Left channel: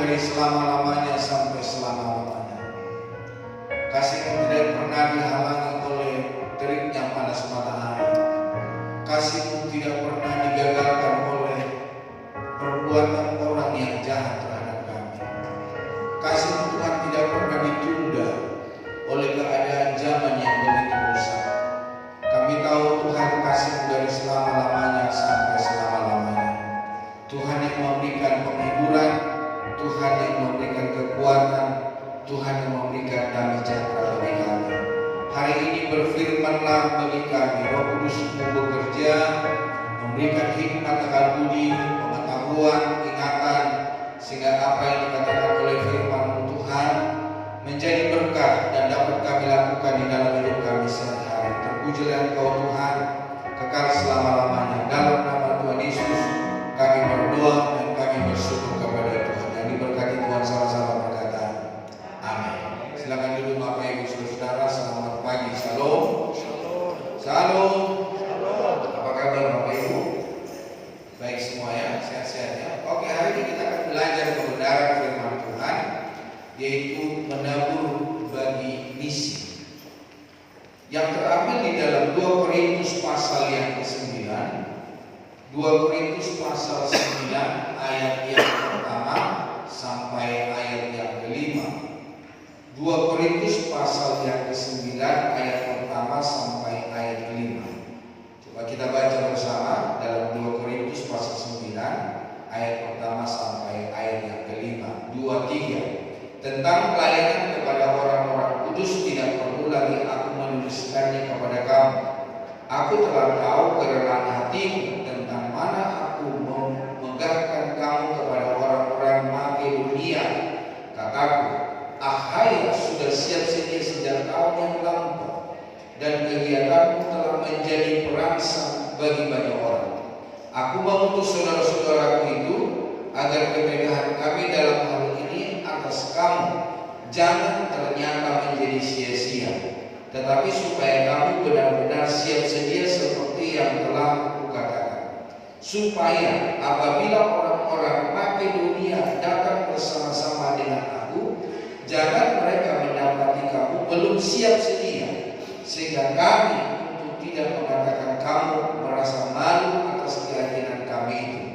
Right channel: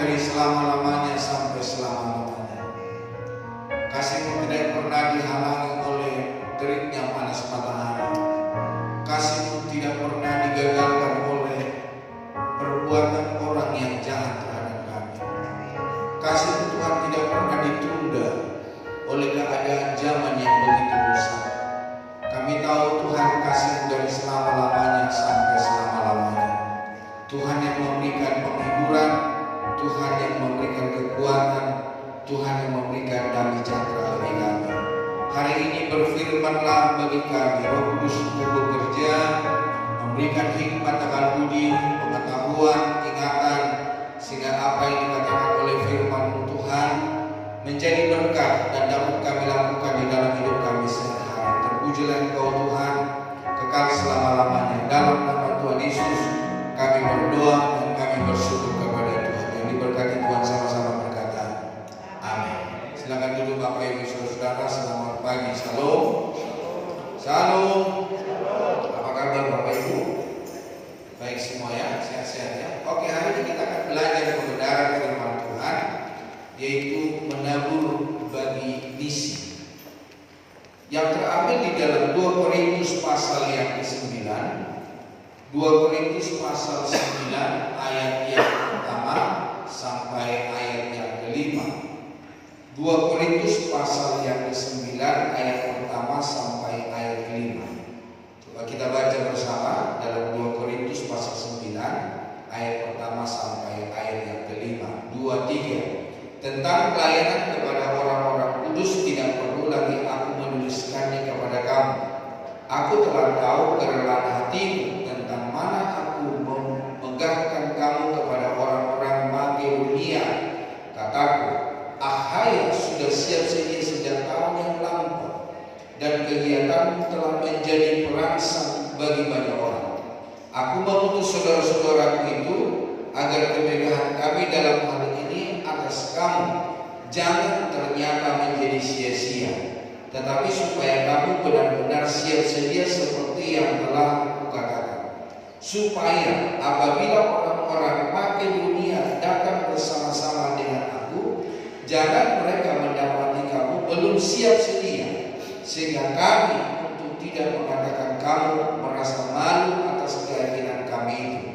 dari selama-lamanya sampai selama-lamanya. Kasih-Mu tidak pernah dihalangi oleh teriknya panas matahari. Kasih-Mu tidak pernah digagalkan oleh perbuatan orang yang jahat terhadap kami. Kasih-Mu Tuhan tidak pernah ditunda oleh keadaan zaman yang begitu rusak. Kami tahu Tuhan kasih-Mu dari selama-lamanya sampai selama-lamanya. Tuhan yang memberikan penghiburan, Tuhan yang memberikan kekuatan, Tuhan yang memberikan damai sejahtera bagi kami. Hari ini berfirman-Lah bagi kami, Roh Kudus-Mu bekerja, memberikan hikmat akal budi, pengetahuan, ingatan, sehingga apa yang dikatakan oleh firman-Mu Tuhan menjadi berkah dan dapat kami lakukan di dalam hidup kami sehari-hari. Terpujilah Engkau Tuhan, kekal selama-lamanya. Dalam nama Tuhan Yesus kami berdoa dan kami bersyukur kepada Tuhan. Yang diberkati Tuhan sama-sama berkata, amin. Silakan duduk Bapak Ibu Saudara, selamat pagi. Shalom. Shalom. Apa kabar Bapak Ibu? Baik semua ya, sehat-sehat ya. Oke, hari ini kita akan belajar kebenaran firman Tuhan, yaitu menabur bagi misi. Yang terambil di dalam 2 Korintus pasal yang ke-9. 2 Korintus pasal 9 ayat yang pertama sampai ayat yang ke-5. 2 Korintus pasal yang ke-9 ayat pertama sampai ayat ke-5. Coba kita baca bersama dalam 2 Korintus pasal 9 ayat pertama sampai ayat yang ke-5. 2, 3. Tentang pelayanan kepada orang-orang kudus tidak perlu lagi aku menuliskannya kepada kamu. Aku telah tahu kerelaan hatimu tentang mana aku memegahkan kamu kepada orang-orang Makedonia. Kataku, Akhaya sudah siap sedia sejak tahun yang lampau, dan kegiatanmu telah menjadi perangsang bagi banyak orang. Aku mengutus saudara-saudaraku itu agar kemegahan kami dalam hal ini atas kamu jangan ternyata menjadi sia-sia, tetapi supaya kamu benar-benar siap sedia seperti yang telah aku katakan, supaya apabila orang-orang Makedonia datang bersama-sama dengan aku, jangan mereka mendapati kamu belum siap sedia, sehingga kami untuk tidak mengatakan kamu merasa malu atas keyakinan kami itu.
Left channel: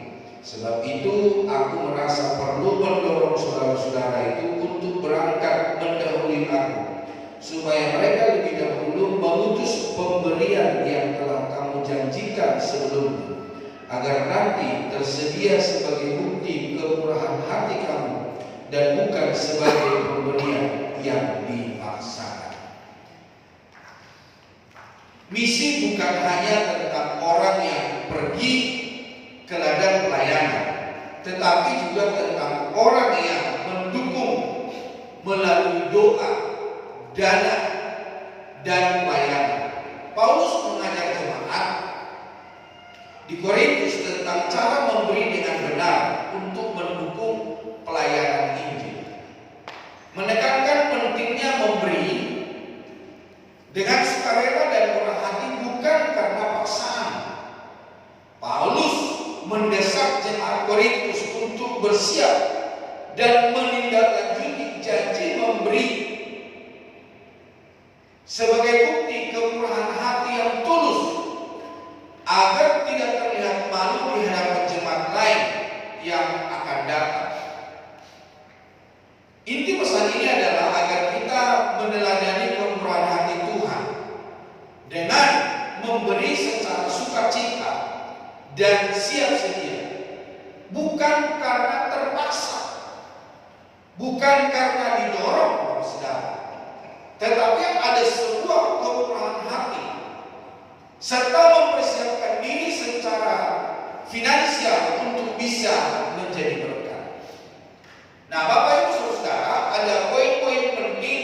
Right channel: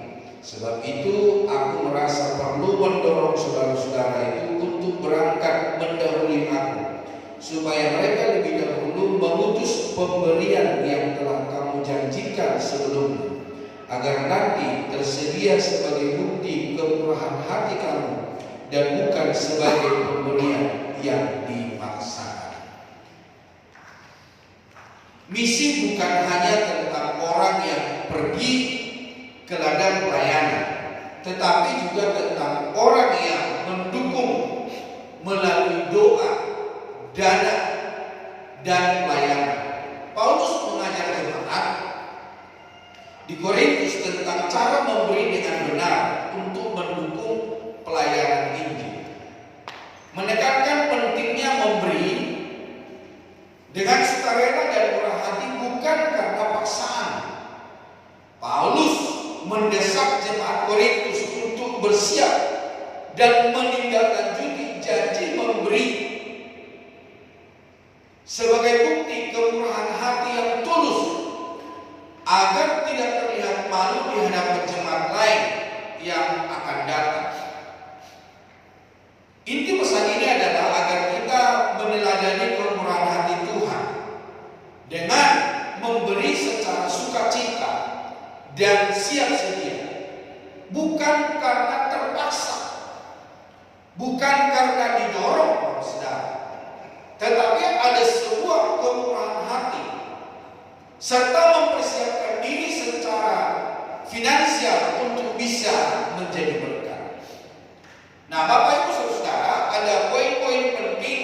Sebab itu aku merasa perlu mendorong saudara-saudara itu untuk berangkat mendahului aku, supaya mereka lebih dahulu mengutus pemberian yang telah kamu janjikan sebelumnya, agar nanti tersedia sebagai bukti kemurahan hati kamu dan bukan sebagai pemberian yang dipaksakan. Misi bukan hanya tentang orang yang pergi ke ladang pelayanan, tetapi juga tentang orang yang mendukung melalui doa, dana, dan pelayanan. Paulus mengajar jemaat di Korintus tentang cara memberi dengan benar untuk mendukung pelayanan Injil, menekankan pentingnya memberi dengan sukarela dan murah hati, bukan karena paksaan. Paulus mendesak jemaat Korintus untuk bersiap dan menindaklanjuti janji memberi sebagai bukti kemurahan hati yang tulus, agar tidak terlihat malu di hadapan jemaat lain yang akan datang. Inti pesan ini adalah agar kita meneladani kemurahan hati Tuhan dengan memberi secara sukacita dan siap sedia, bukan karena terpaksa, bukan karena didorong, saudara, tetapi ada sebuah kemurahan hati serta mempersiapkan diri secara finansial untuk bisa menjadi berkat. Nah, Bapak Ibu Saudara, ada poin-poin penting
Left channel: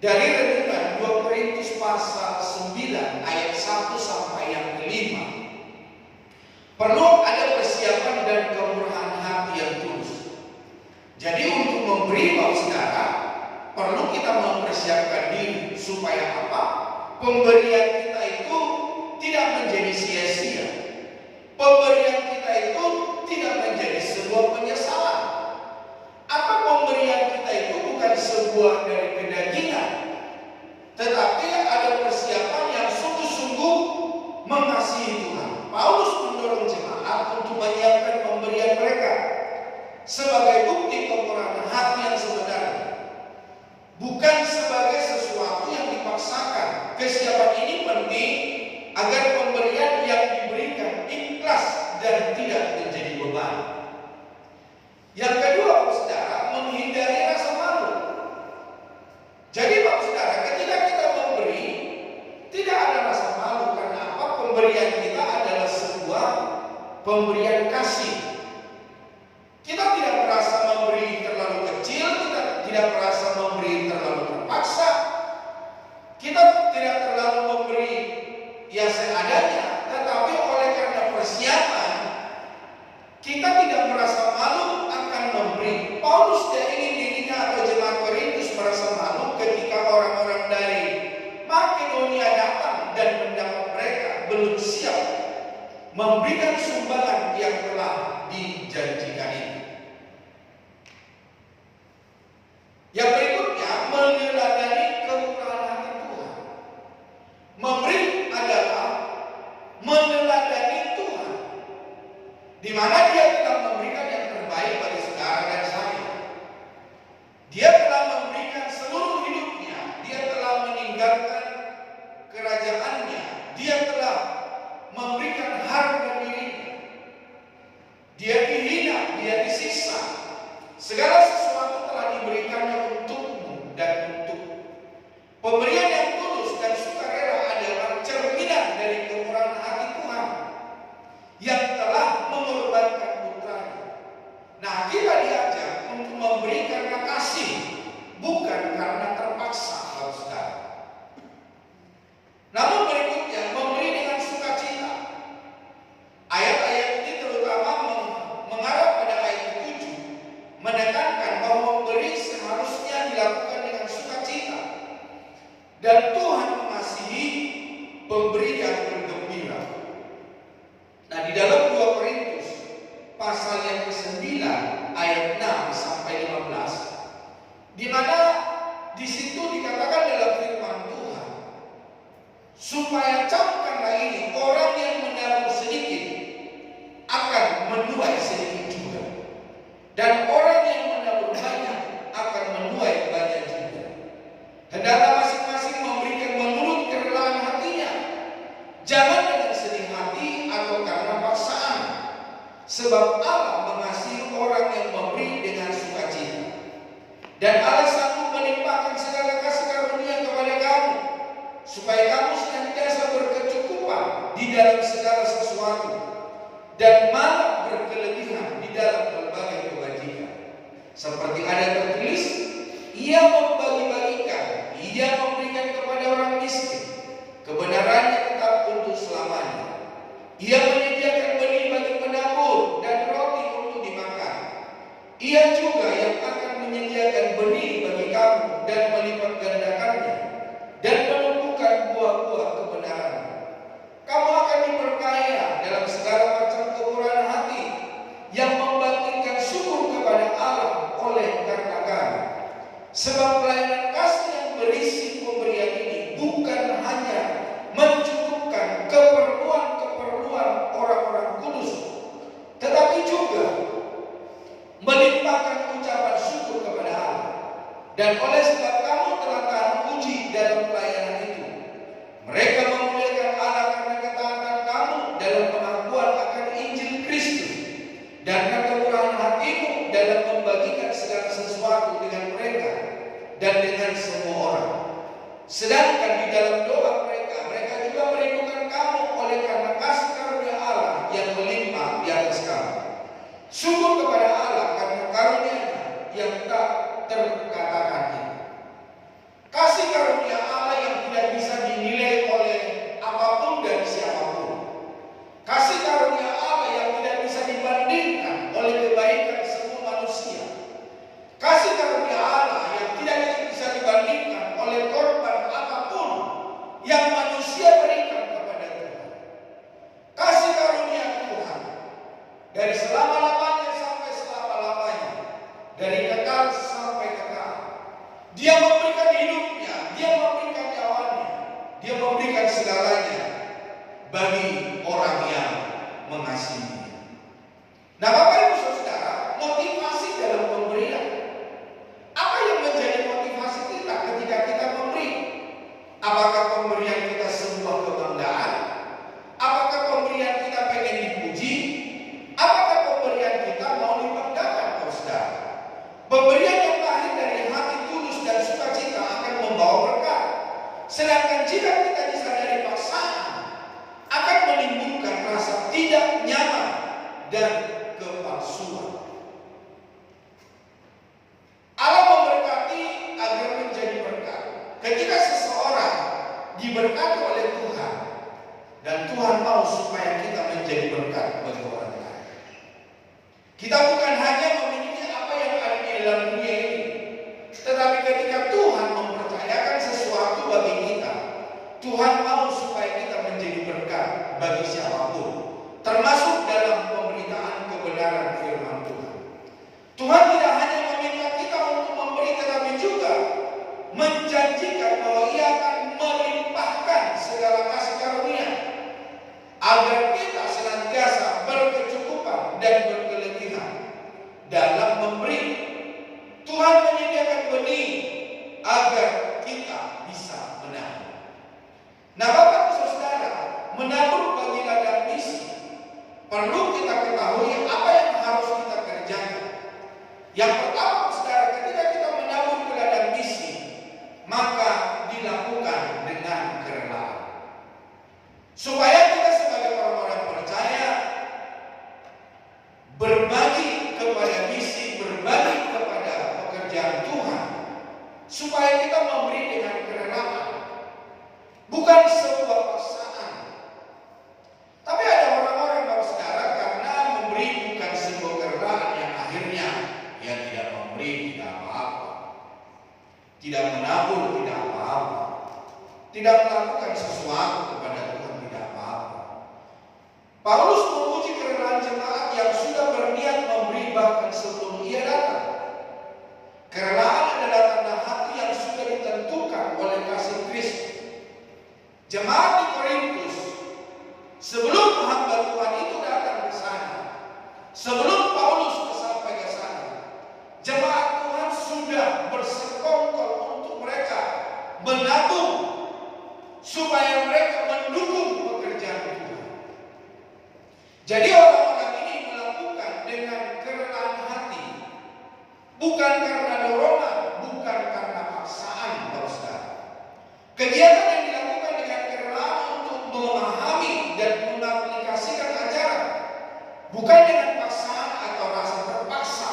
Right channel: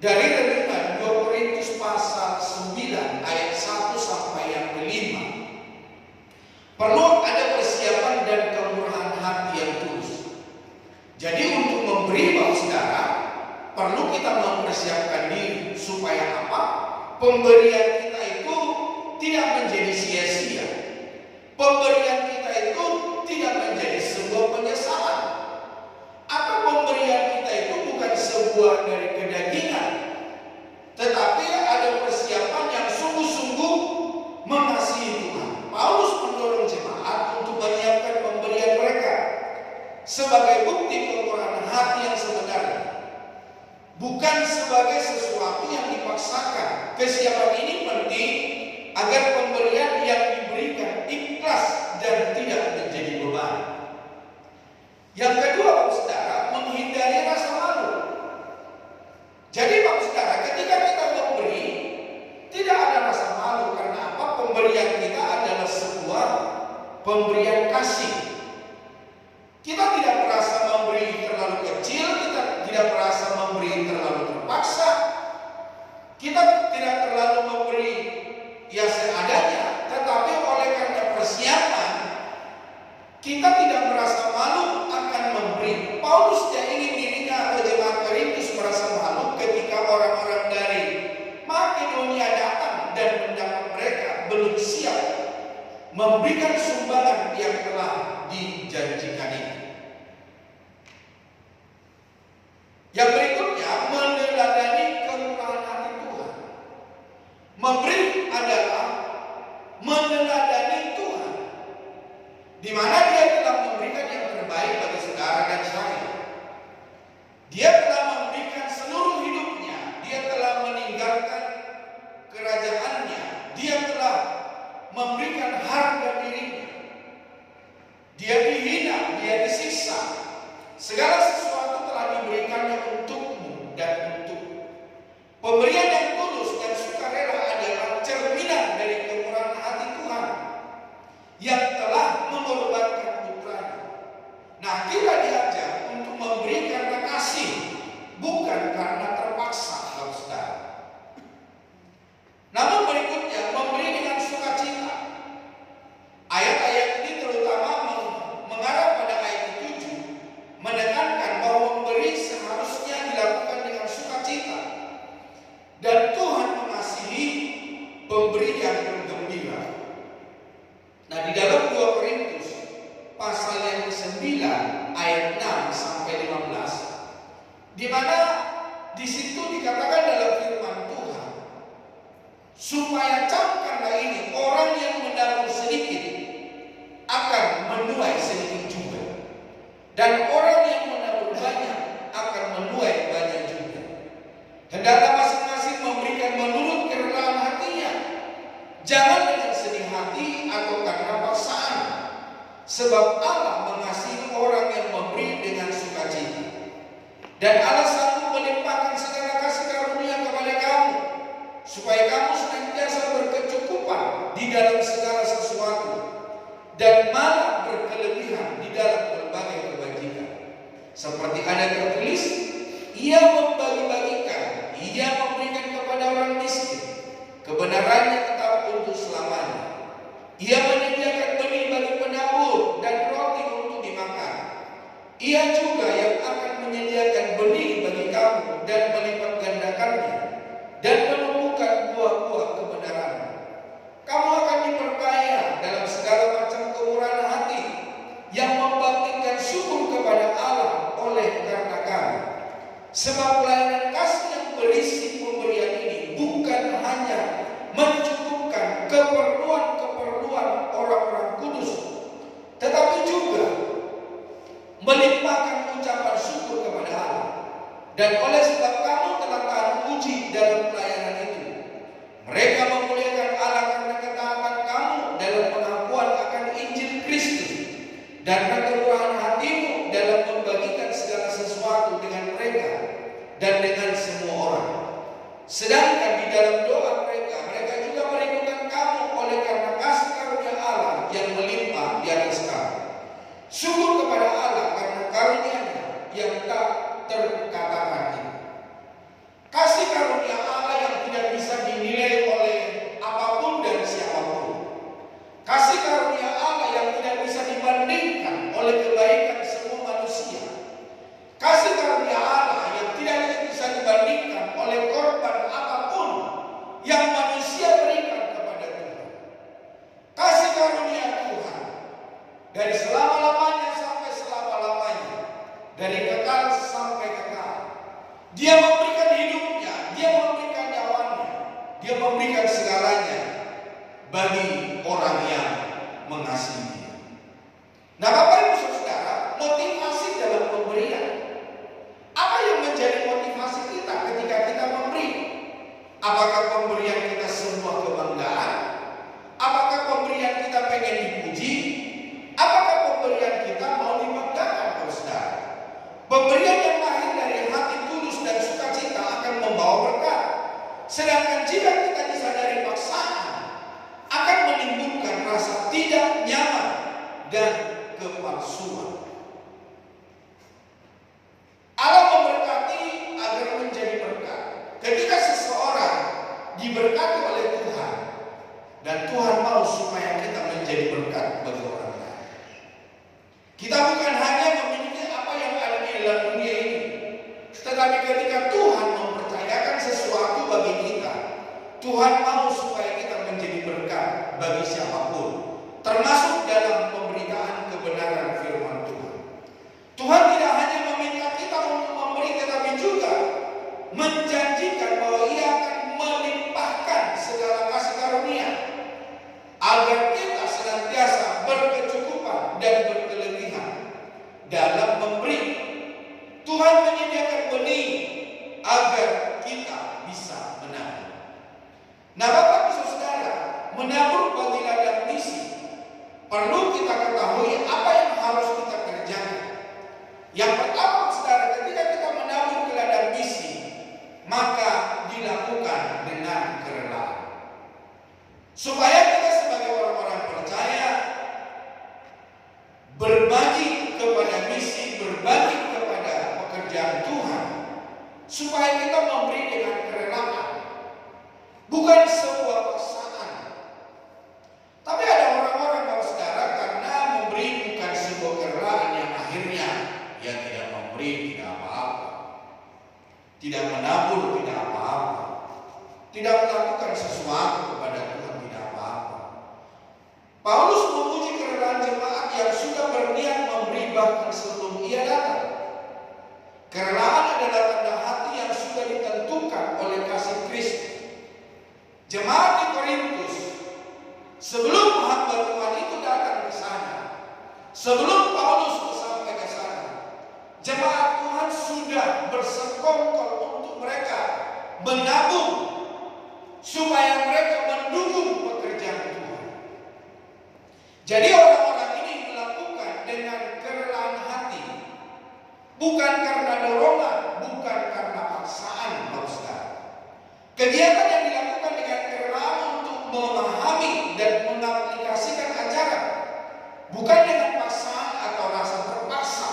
dari renungan 2 Korintus pasal 9 ayat 1 sampai yang ke-5. Perlu ada persiapan dan kemurahan hati yang tulus. Jadi untuk memberi, Bapak Saudara, perlu kita mempersiapkan diri supaya apa? Pemberian kita itu tidak menjadi sia-sia. Pemberian kita itu tidak menjadi sebuah penyesalan. sebagai bukti kemurahan hati yang sebenarnya, bukan sebagai sesuatu yang dipaksakan. Kesiapan ini penting agar pemberian yang diberikan ikhlas dan tidak menjadi beban. Yang kedua, Bapak Saudara, menghindari rasa malu. Jadi Bapak Saudara, ketika kita memberi, tidak ada rasa malu. Karena apa? Pemberian kita adalah sebuah pemberian kasih. Kita tidak merasa memberi terlalu kecil, kita tidak merasa memberi terlalu terpaksa, kita tidak terlalu memberi ya seadanya, tetapi oleh karena persiapan, kita tidak merasa malu akan memberi. Paulus tidak ingin dirinya atau jemaat Korintus merasa malu ketika orang-orang dari Makedonia datang dan mendapat mereka belum siap memberikan sumbangan yang telah dijanjikan itu. Yang berikutnya, meneladani kemurahan hati Tuhan. Memberi adalah meneladani Tuhan, di mana Dia telah memberikan yang terbaik bagi saudara dan saya. Dia telah memberikan seluruh hidupnya. Dia telah meninggalkan kerajaannya. Dia telah memberikan harga dirinya. Dia dihina, dia disiksa. Segala sesuatu telah diberikannya untukmu dan untukku. Pemberian yang tulus dan sukarela adalah cerminan dari kemurahan hati Tuhan yang telah mengorbankan putranya. Nah, kita diajak untuk memberi karena kasih, bukan karena terpaksa, saudara. Namun berikutnya, memberi dengan sukacita. Ayat-ayat ini terutama mengarah pada ayat 7, menekankan bahwa memberi seharusnya dilakukan dengan sukacita. Dan Tuhan mengasihi pemberi yang bergembira. Nah, di dalam 2 Korintus pasal yang ke-9 ayat 6 sampai 15, di mana di situ dikatakan dalam firman Tuhan, supaya camkanlah ini, orang yang menabur sedikit akan menuai sedikit juga, dan orang yang menabur banyak akan menuai banyak juga. Hendaklah masing-masing memberikan menurut kerelaan hatinya, jangan dengan sedih hati atau karena paksaan, sebab Allah mengasihi orang yang memberi dengan sukacita. Dan Allah sanggup melimpahkan segala kasih karunia kepada kamu, supaya kamu senantiasa berkecukupan di dalam segala sesuatu, dan malah berkelebihan di dalam berbagai kebajikan. Seperti ada tertulis, Ia membagi-bagikan, Ia memberikan kepada orang miskin, kebenarannya tetap untuk selamanya. Ia menyediakan benih bagi penabur dan roti untuk dimakan. Ia juga yang akan menyediakan benih bagi kamu dan melipat gandakannya dan menumbuhkan buah-buah kebenaran. Kamu akan diperkaya dalam segala macam kemurahan hati yang membangkitkan syukur kepada Allah oleh karena kami. Sebab pelayanan kasih yang berisi pemberian ini bukan hanya mencukupkan keperluan-keperluan orang-orang kudus, tetapi juga melimpahkan ucapan syukur kepada Allah. Dan oleh sebab kamu telah tahan uji dalam pelayanan itu, mereka memuliakan Allah karena ketaatan kamu dalam pengakuan akan Injil Kristus, dan kemurahan hatimu dalam membagikan segala sesuatu dengan mereka dan dengan semua orang. Sedangkan di dalam doa mereka juga merindukan kamu oleh karena kasih karunia Allah yang melimpah di atas kamu. Syukur kepada Allah karena karunia-Nya yang tak terkatakan itu. Kasih karunia Allah yang tidak bisa dinilai oleh apapun dan siapapun. Kasih karunia Allah yang tidak bisa dibandingkan oleh kebaikan semua manusia. Kasih karunia Allah yang tidak bisa dibandingkan oleh korban apapun yang manusia berikan kepada Tuhan. Kasih karunia Tuhan dari selama-lamanya sampai agar kita senantiasa berkecukupan dan berkelebihan dalam memberi. Tuhan menyediakan benih agar kita bisa menabur. Nah, Bapak Ibu Saudara, menabur bagi ladang misi perlu kita ketahui apa yang harus kita kerjakan. Yang pertama, Saudara, ketika kita menabur ke ladang misi, maka dilakukan dengan kerelaan. Supaya kita sebagai orang-orang percaya berbagi kepada misi, berbagi kepada pekerjaan Tuhan, supaya kita memberi dengan kerelaan, bukan sebuah paksaan. Tapi ada orang-orang, Bapak Saudara, karena memberi bukan sebuah kerelaan, yang akhirnya yang tidak memberi tidak apa-apa, tidak menabur tidak apa-apa, tidak melakukan sesuatu kepada Tuhan tidak apa-apa. Paulus memuji kerelaan jemaat yang sudah berniat memberi bahkan sebelum ia datang. Kerelaan adalah tanda hati yang sudah ditentukan oleh kasih Kristus. Jemaat di Korintus, sebelum hamba Tuhan itu datang ke sana, sebelum Paulus sampai ke sana, jemaat Tuhan sudah bersekongkol untuk mereka menabung supaya mereka mendukung pekerjaan Tuhan. Jadi orang-orang ini melakukan dengan kerelaan hati, bukan karena dorongan, bukan karena paksaan, Bapak Saudara. Kegiatan yang dilakukan dengan kerelaan untuk memahami dan mengaplikasikan ajaran, bukan dengan paksaan atau rasa terpaksa.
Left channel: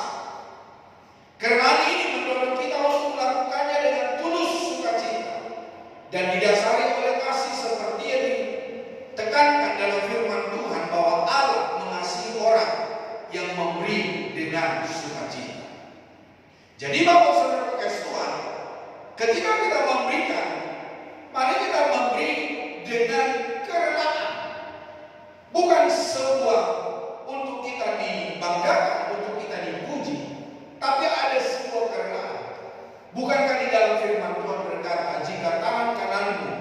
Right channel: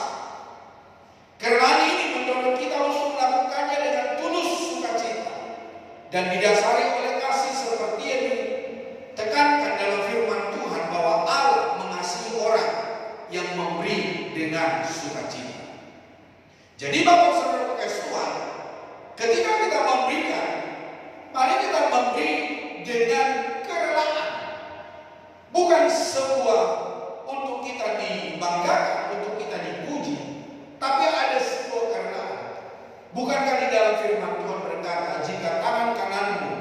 Kerelaan ini mendorong kita untuk melakukannya dengan tulus sukacita dan didasari oleh kasih, seperti yang ditekankan dalam firman Tuhan bahwa Allah mengasihi orang yang memberi dengan sukacita. Jadi Bapak Saudara kasih Tuhan, ketika kita memberikan, mari kita memberi dengan kerelaan, bukan sebuah untuk kita dibanggakan, untuk kita dipuji, tapi ada sebuah kerelaan. Bukankah di dalam firman Tuhan berkata, jika tangan kananmu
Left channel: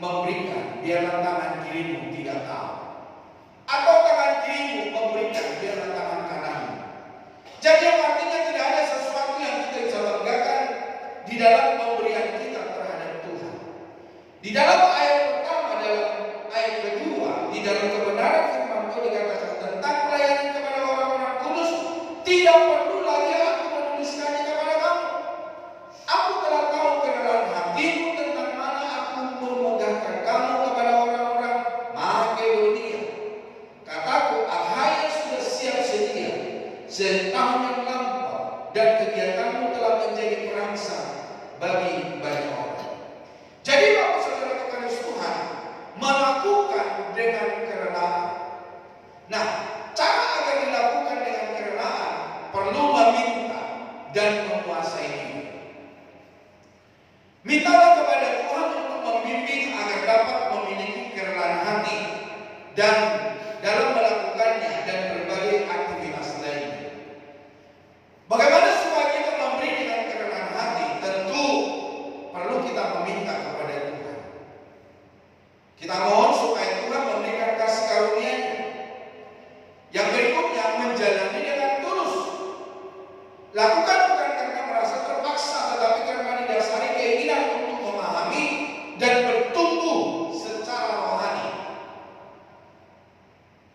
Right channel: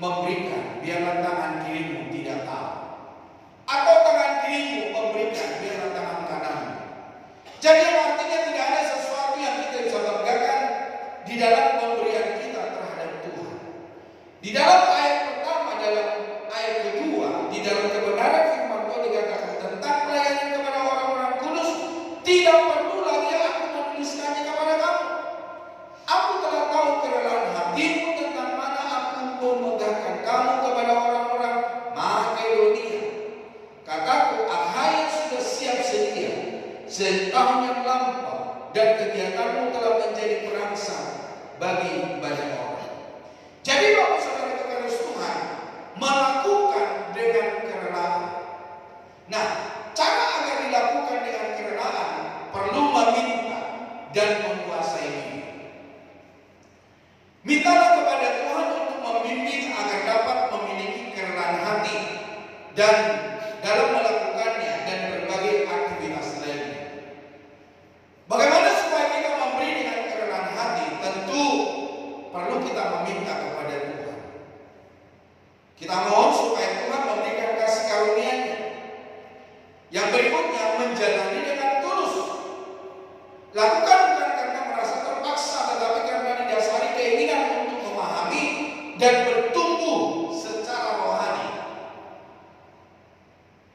memberikan, biarlah tangan kirimu tidak tahu, atau tangan kirimu memberikan, biarlah tangan kananmu. Jadi artinya tidak ada sesuatu yang kita bisa banggakan di dalam pemberian kita terhadap Tuhan. Di dalam ayat pertama, dalam ayat kedua, di dalam kebenaran firman Tuhan dikatakan tentang pelayanan kepada orang-orang kudus, tidak perlu lagi aku menuliskannya kepada kamu. Aku telah tahu kerelaan hatimu, tentang mana aku memegahkan kamu kepada orang-orang Makedonia. Kataku, Akhaya sudah siap sedia setahun yang lampau, dan kegiatanmu telah menjadi perangsang bagi banyak orang. Jadi Bapak Saudara kekasih Tuhan, melakukan dengan kerelaan. Nah, cara agar dilakukan dengan kerelaan perlu meminta dan menguasai diri. Mintalah kepada Tuhan untuk membimbing agar dapat memiliki kerelaan hati dan dalam melakukannya dan berbagai aktivitas lainnya. Bagaimana supaya kita memberi dengan kerelaan hati? Tentu perlu kita meminta kepada Tuhan. Kita mohon supaya Tuhan memberikan kasih karunia-Nya. Yang berikutnya, menjalani dengan tulus. Lakukan bukan karena merasa terpaksa, tetapi karena didasari keinginan untuk memahami dan bertumbuh secara rohani.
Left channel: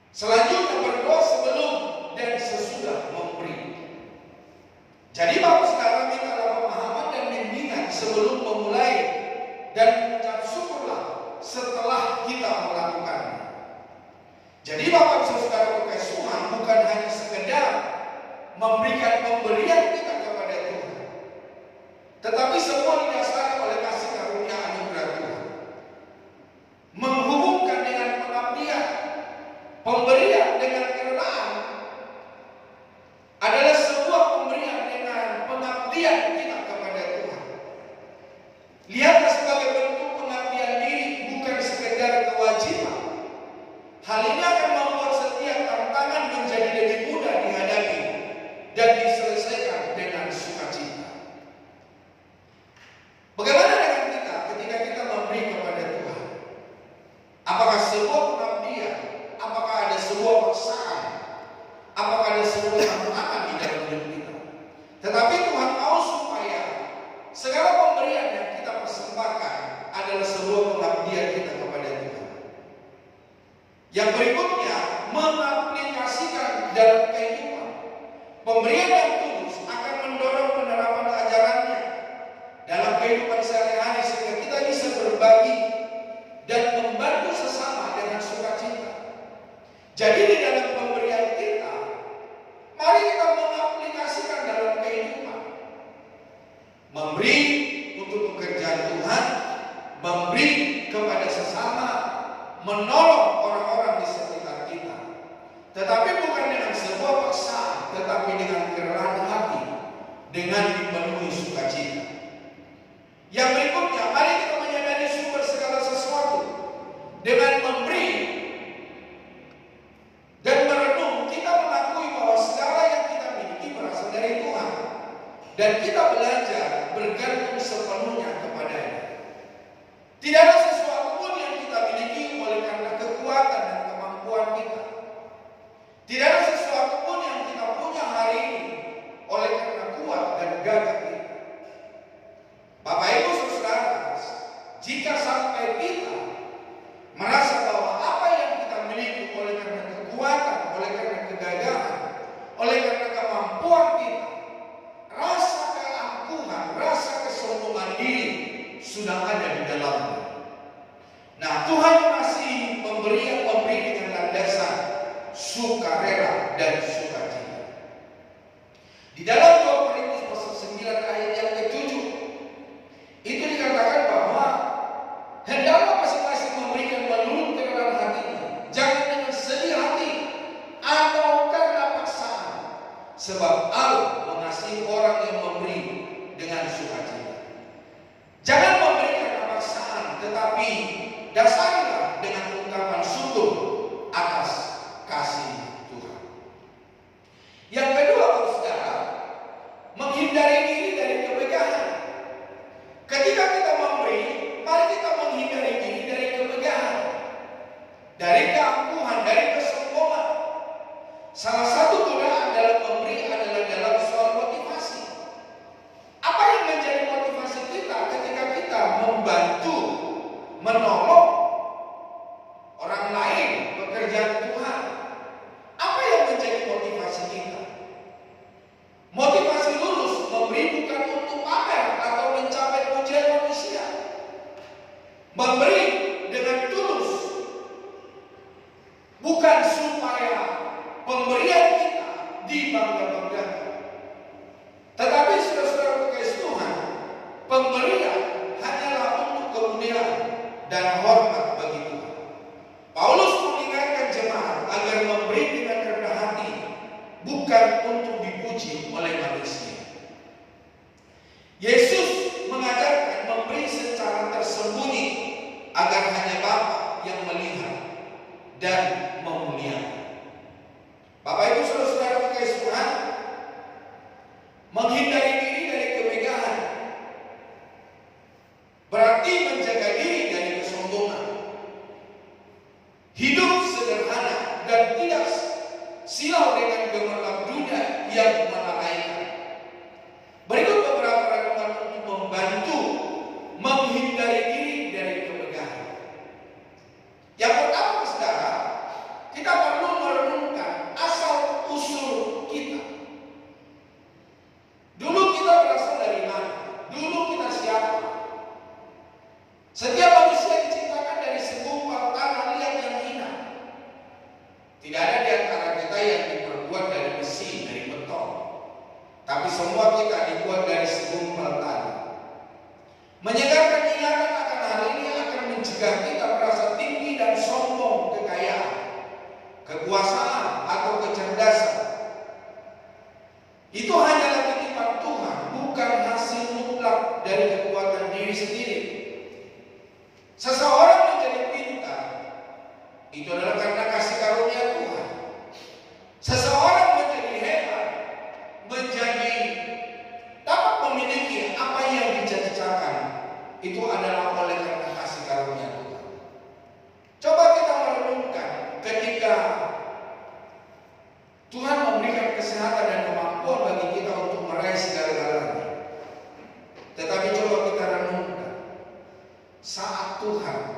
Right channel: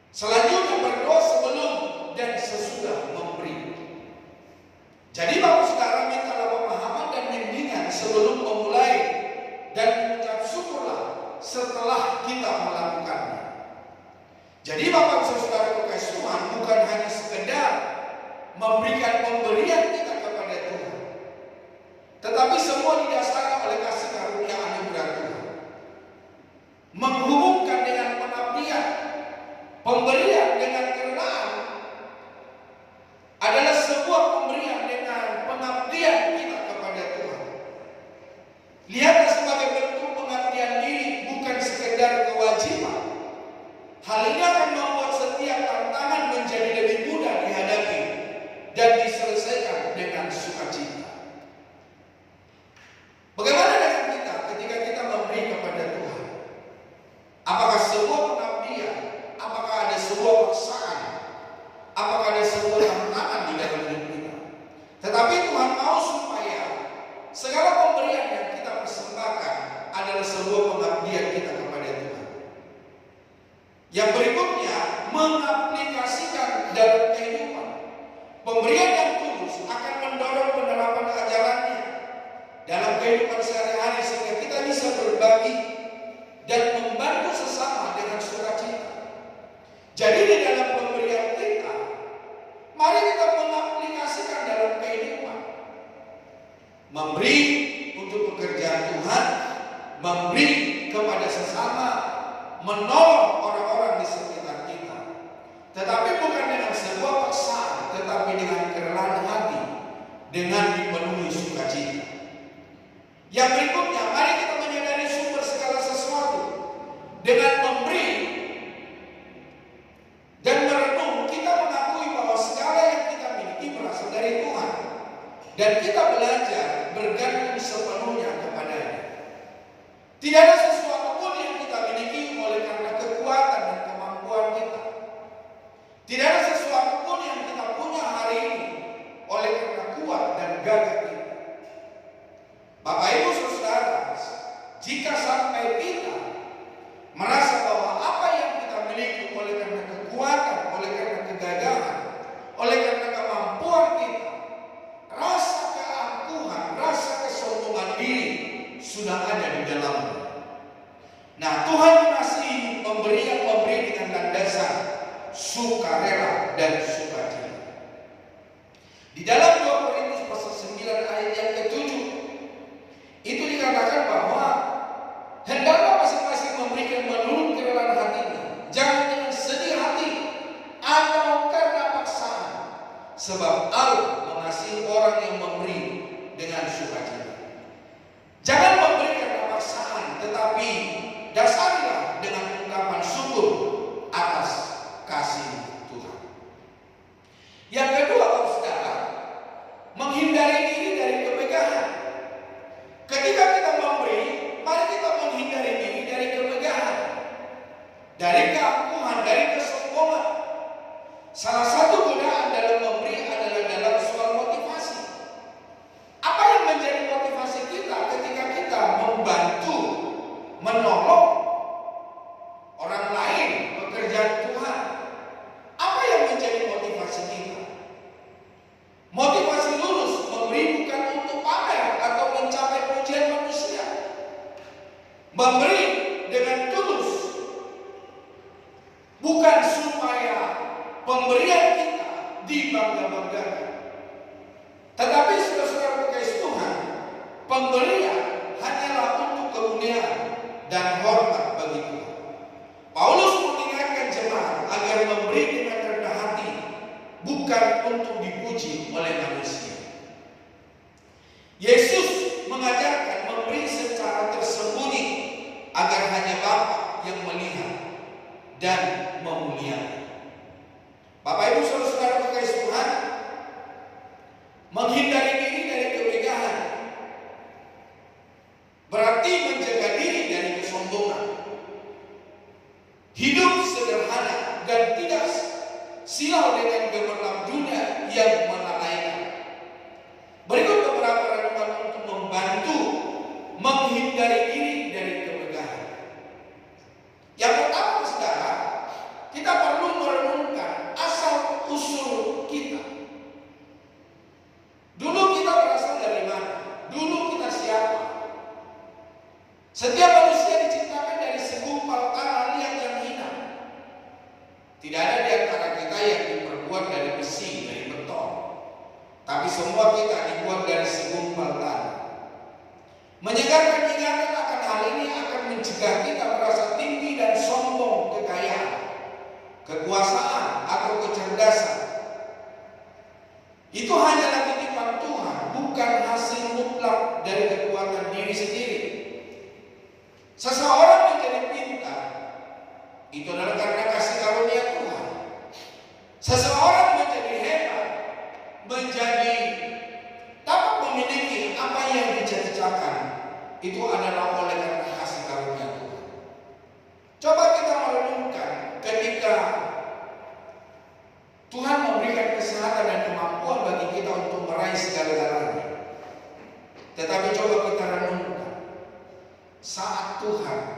Selanjutnya, berdoa sebelum dan sesudah memberi. Jadi Bapak Saudara, mintalah pemahaman dan bimbingan sebelum memulai, dan mengucap syukurlah setelah kita melakukannya. Jadi Bapak Saudara kekasih Tuhan, bukan hanya sekedar memberikan pemberian kita kepada Tuhan, tetapi semua didasari oleh kasih karunia anugerah Tuhan. Menghubungkan dengan pengabdian, pemberian dengan kerelaan adalah sebuah pemberian dengan pengabdian kita kepada Tuhan. Lihatlah sebagai bentuk pengabdian diri, bukan sekedar kewajiban. Hal ini akan membuat setiap tantangan menjadi lebih mudah dihadapi dan diselesaikan dengan sukacita. Bagaimana dengan kita ketika kita memberi kepada Tuhan? Apakah sebuah pengabdian Pemberian yang tulus akan mendorong penerapan ajarannya dalam kehidupan sehari-hari sehingga kita bisa berbagi dan membantu sesama dengan sukacita. Jadi di dalam pemberian kita, mari kita mengaplikasikan dalam kehidupan. Memberi untuk pekerjaan Tuhan, memberi kepada sesama, menolong orang-orang di sekitar kita. Tetapi bukan dengan sebuah paksaan, tetapi dengan kerelaan hati, dengan dipenuhi sukacita. Yang berikutnya, mari kita menyadari sumber segala sesuatu. Dengan memberi dan merenung, kita mengakui bahwa segala yang kita miliki berasal dari Tuhan. Dan kita belajar bergantung sepenuhnya kepada-Nya. Tidak ada sesuatu pun yang kita miliki oleh karena kekuatan dan kemampuan kita. Tidak ada sesuatu pun yang kita punya hari ini oleh karena kuat dan gagah kita. Bapak Ibu Saudara, jika sampai kita merasa bahwa apa yang kita miliki oleh karena kekuatan, oleh karena kegagahan, oleh karena kemampuan kita, rasa keangkuhan, rasa kesombongan diri sudah ada di dalamnya. Nah, Tuhan mengasihi pemberi dengan landasan sukarela dan sukacita. Di dalam 2 Korintus pasal 9 ayat yang ke-7 itu dikatakan bahwa hendaklah masing-masing memberikan menurut kerelaan hatinya, jangan dengan sedih hati atau karena paksaan, sebab Allah mengasihi orang yang memberi dengan sukacita. Jangan memberi karena paksaan, tetapi dasarilah dengan ungkapan syukur atas kasih Tuhan. Yang kedua, saudara, menghindari diri dari kemegahan. Ketika kita memberi, mari kita menghindari diri dari kemegahan, dari keangkuhan, dari kesombongan. Salah satu godaan dalam memberi adalah dalam soal motivasi. Apa yang menjadi motivasi kita ketika kita membantu, menolong orang lain, pekerjaan Tuhan? Apa yang menjadi motivasi kita? Motivasi lurus memberi bukan untuk pamer atau mencapai pujian manusia. Memberi dengan tulus bukan supaya pemberian kita dibangga-banggakan. Tetapi saudara-saudara kekasih Tuhan, pemberian hanyalah untuk kemuliaan dan hormat bagi Tuhan. Paulus mengingatkan jemaat agar memberi dengan rendah hati, bukan untuk dipuji oleh manusia. Yesus mengajarkan memberi secara tersembunyi agar hanya Bapa yang melihat dan memuliakan. Bapak Ibu Saudara kekasih Tuhan, menghindari diri dari kemegahan berarti menjaga diri dari kesombongan. Hidup sederhana dan tidak silau dengan gemerlap dunia yang melalaikan. Berikut beberapa renungan untuk membantu menghindari diri dari kemegahan. Yang pertama, saudara, kita perlu merenungkan asal usul kita. Dulu kita berasal dari mana? Dulu kita siapa? Setiap manusia diciptakan dari segumpal tanah liat yang hina. Tidak ada di antara kita yang diperbuat dari besi, dari beton. Tapi semua kita dibuat dari segumpal tanah. Menyegarkan ingatan akan hal ini akan mencegah kita merasa tinggi dan sombong kekayaan, kekuasaan atau kecerdasan. Itu hanyalah titipan Tuhan, bukan hasil mutlak dari kekuatan diri sendiri. Seseorang menjadi pintar, itu adalah karena kasih karunia Tuhan. Seseorang menjadi hebat, menjadi dapat memiliki apa yang dicari-carikan, itu adalah oleh karena kasih karunia Tuhan. Coba kita merenungkan ketika Tuhan memberikan kesehatan dan kemampuan bagi kita untuk meraih segala-galanya. Tetapi coba kita renungkan, saat Tuhan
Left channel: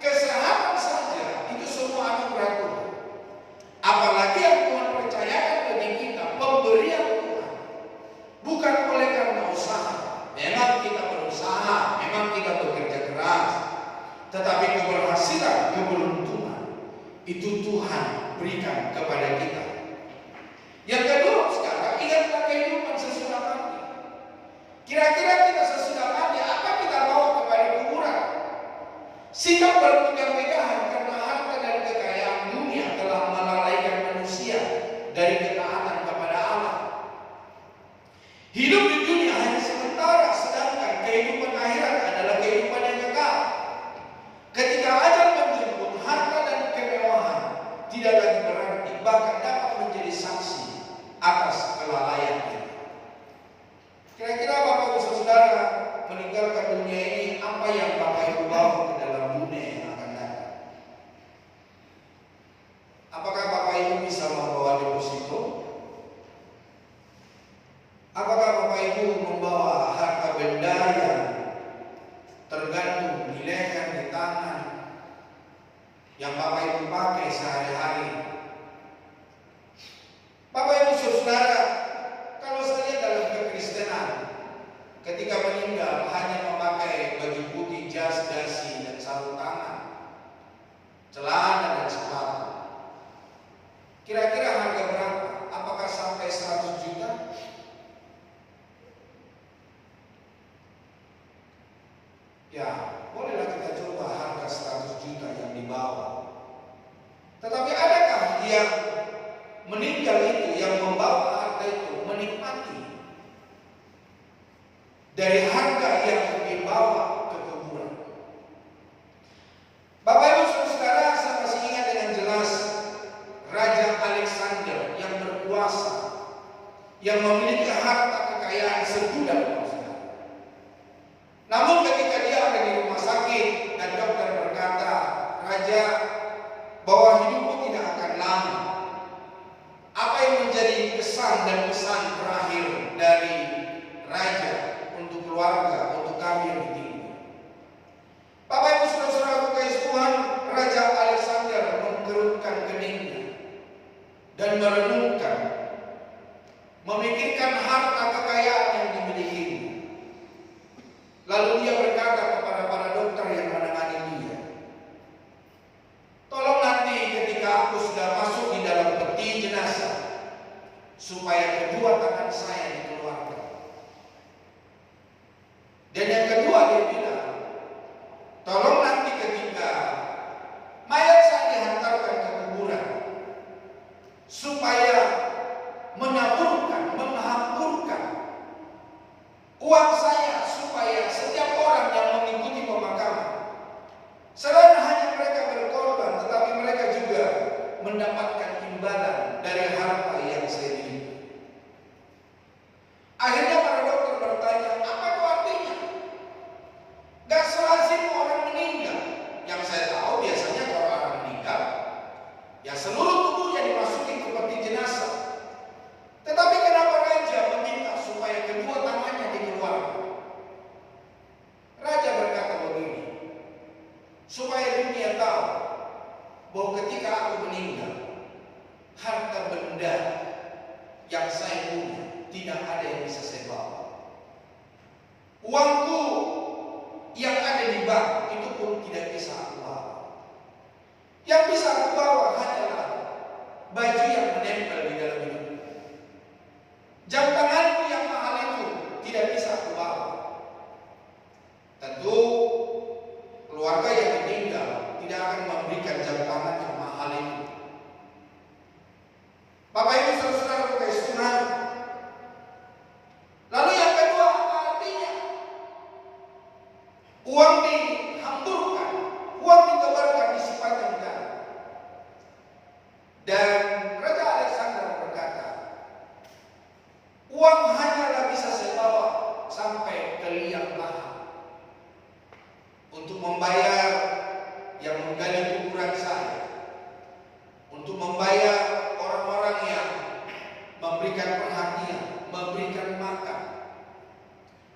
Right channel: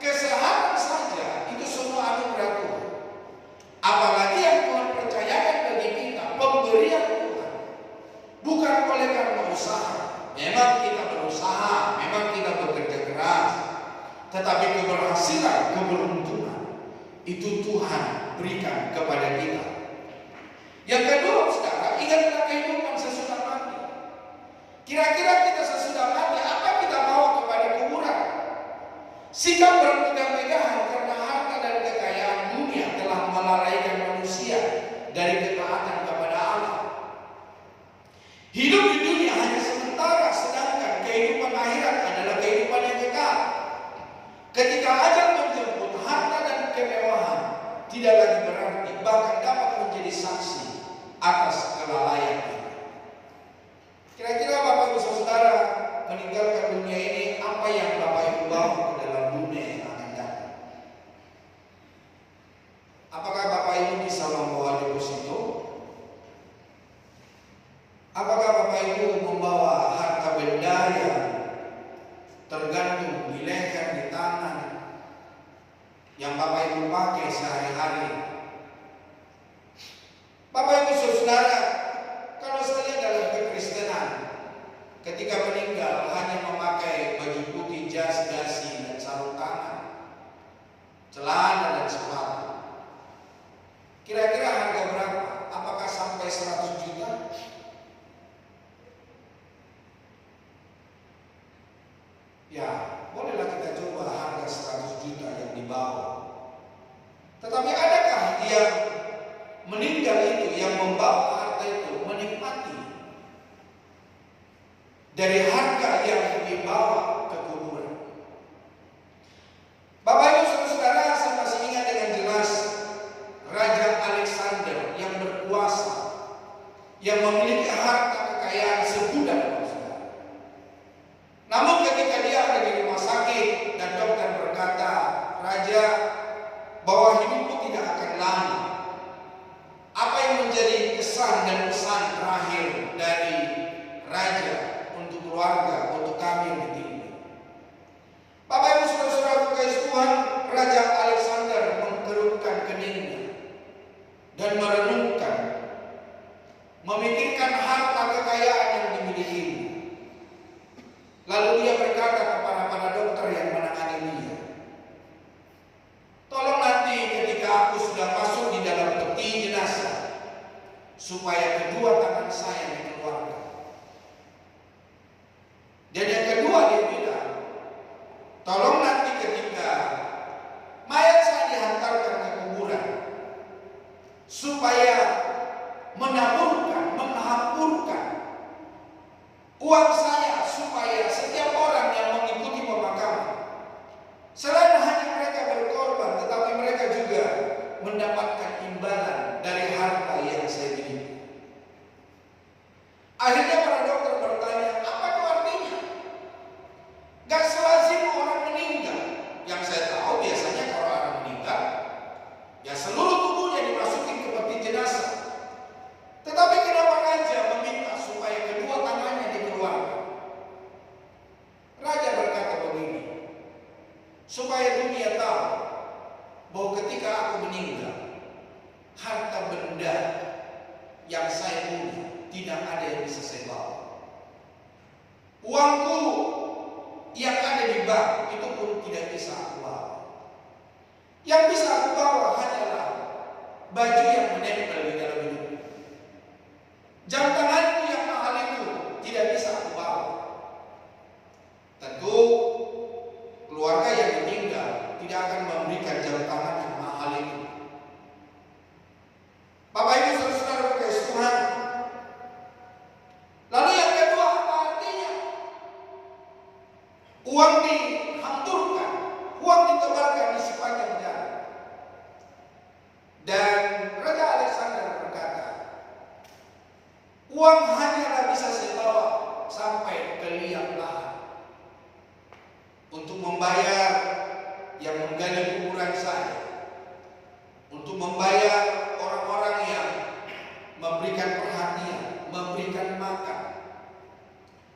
Kesehatan saja itu semua anugerah Tuhan. Apalagi yang Tuhan percayakan bagi kita, pemberian Tuhan. Bukan oleh karena usaha. Memang kita berusaha, memang kita bekerja keras. Tetapi keberhasilan, keberuntungan itu Tuhan berikan kepada kita. Yang kedua, sekarang ingatlah kehidupan sesudah mati. Kira-kira kita sesudah mati, apa kita bawa kepada kuburan? Sikap berpegah-pegahan karena harta dan kekayaan dunia telah melalaikan manusia dari ketaatan kepada Allah. Hidup di dunia hanya sementara, sedangkan kehidupan akhirat adalah kehidupan yang kekal. Ketika ajal menjemput, harta dan kemewahan tidak lagi berarti, bahkan dapat menjadi saksi atas kelalaian. Kira-kira Bapak Ibu Saudara meninggalkan dunia ini, apa yang Bapak Ibu bawa ke dalam dunia yang akan datang? Apakah Bapak Ibu bisa membawa deposito? Apakah Bapak Ibu membawa harta benda yang tergantung di leher, di tangan, yang Bapak Ibu pakai sehari-hari? Bapak Ibu Saudara, kalau saya dalam kekristenan, ketika meninggal hanya memakai baju putih, jas, dasi, dan sarung tangan, celana dan sepatu. Kira-kira harga berapa? Apakah sampai 100 juta? Ya, bolehlah kita coba harga 100 juta yang dibawa. Tetapi adakah yang meninggal itu, yang membawa harta itu, menikmati dari harga yang dibawa ke kuburan? Bapak Ibu Saudara, saya masih ingat dengan jelas Raja Alexander yang berkuasa, yang memiliki harta kekayaan segudang. Namun ketika dia ada di rumah sakit dan dokter berkata, "Raja, bahwa hidupmu tidak akan lama." Apa yang menjadi kesan dan pesan terakhir dari Raja untuk keluarga, untuk kami yang ditinggal? Bapak Ibu Saudara kasih Tuhan, Raja Alexander mengkerutkan keningnya dan merenungkan, memikirkan harta kekayaan yang dimilikinya. Lalu dia berkata kepada para dokter yang menangani dia, "Tolong nanti ketika aku sudah masuk di dalam peti jenazah, supaya kedua tangan saya dikeluarkan." Dan yang kedua dia bilang, "Tolong nanti ketika mayat saya dihantarkan ke kuburan, supaya menaburkan, menghampurkan uang saya, supaya setiap orang yang mengikuti pemakaman, selain hanya mereka berkorban, tetapi mereka juga mendapatkan imbalan dari harta yang saya miliki." Akhirnya para dokter bertanya, "Apa itu artinya? Gak selazim orang meninggal." Yang saya tahu biasanya kalau orang meninggal, ya seluruh tubuhnya dimasukin ke peti jenazah. Tetapi kenapa Raja meminta supaya kedua tangannya dikeluarkan? Raja berkata begini, supaya dunia tahu bahwa ketika aku meninggal, harta benda yang saya punya tidak ada yang bisa saya bawa. Uangku yang ada di bank itu pun tidak bisa aku bawa. Yang bisa aku bawa hanyalah baju yang menempel di dalam hidupku. Jam tanganku yang mahal itu tidak bisa aku bawa. Tentu keluarga yang meninggal tidak akan memberikan jam tangan yang mahal itu. Bapak Ibu Saudara kasih Tuhan. Lalu yang kedua, apa artinya? Uang dihamburkan, uang ditebarkan di sepanjang jalan. Dan Raja Alexander berkata, "Uang hanyalah bisa saya bawa sampai ke liang lahat untuk membayar yang menggali kuburan saya, untuk membayar orang-orang yang memberikan perhatian, memberikan makan,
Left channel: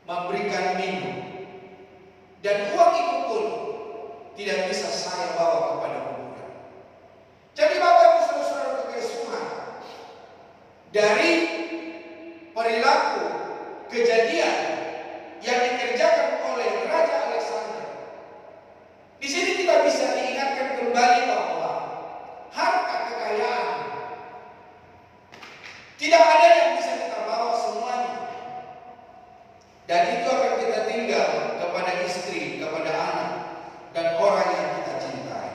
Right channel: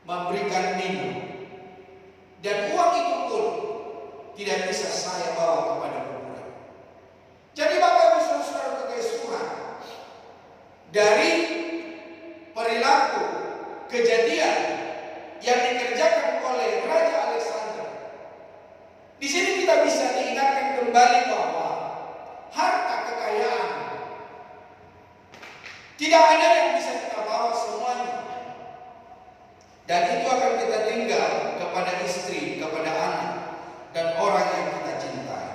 memberikan minum. Dan uang itu pun tidak bisa saya bawa kepada kuburan. Jadi Bapak Ibu Saudara kekasih Tuhan, dari perilaku kejadian yang dikerjakan oleh Raja Alexander, di sini kita bisa diingatkan kembali bahwa harta kekayaan tidak ada yang bisa kita bawa semuanya, dan itu akan kita tinggal kepada istri, kepada anak, dan orang yang kita cintai.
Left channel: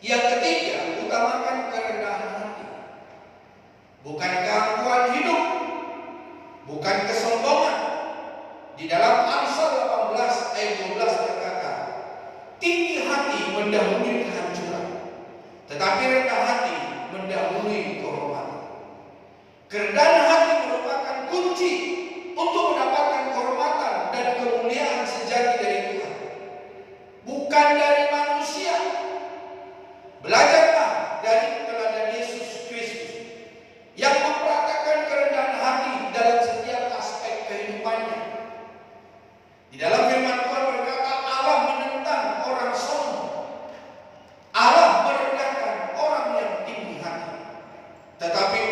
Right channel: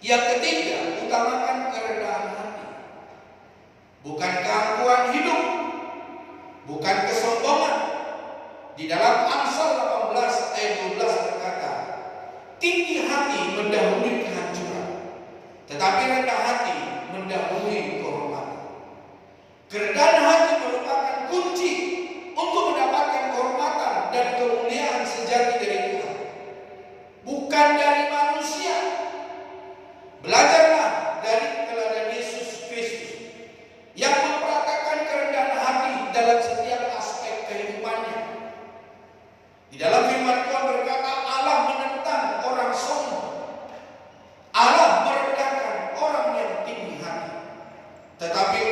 Yang ketiga, utamakan kerendahan hati, bukan keangkuhan hidup, bukan kesombongan. Di dalam Amsal 18 ayat 12 berkata, tinggi hati mendahului kehancuran, tetapi rendah hati mendahului kehormatan. Kerendahan hati merupakan kunci untuk mendapatkan kehormatan dan kemuliaan sejati dari Tuhan, bukan dari manusia. Belajarlah dari teladan Yesus Kristus yang mempraktikkan kerendahan hati dalam setiap aspek kehidupannya. Di dalam firman Tuhan berkata, Allah menentang orang sombong, Allah merendahkan orang yang tinggi hati, tetapi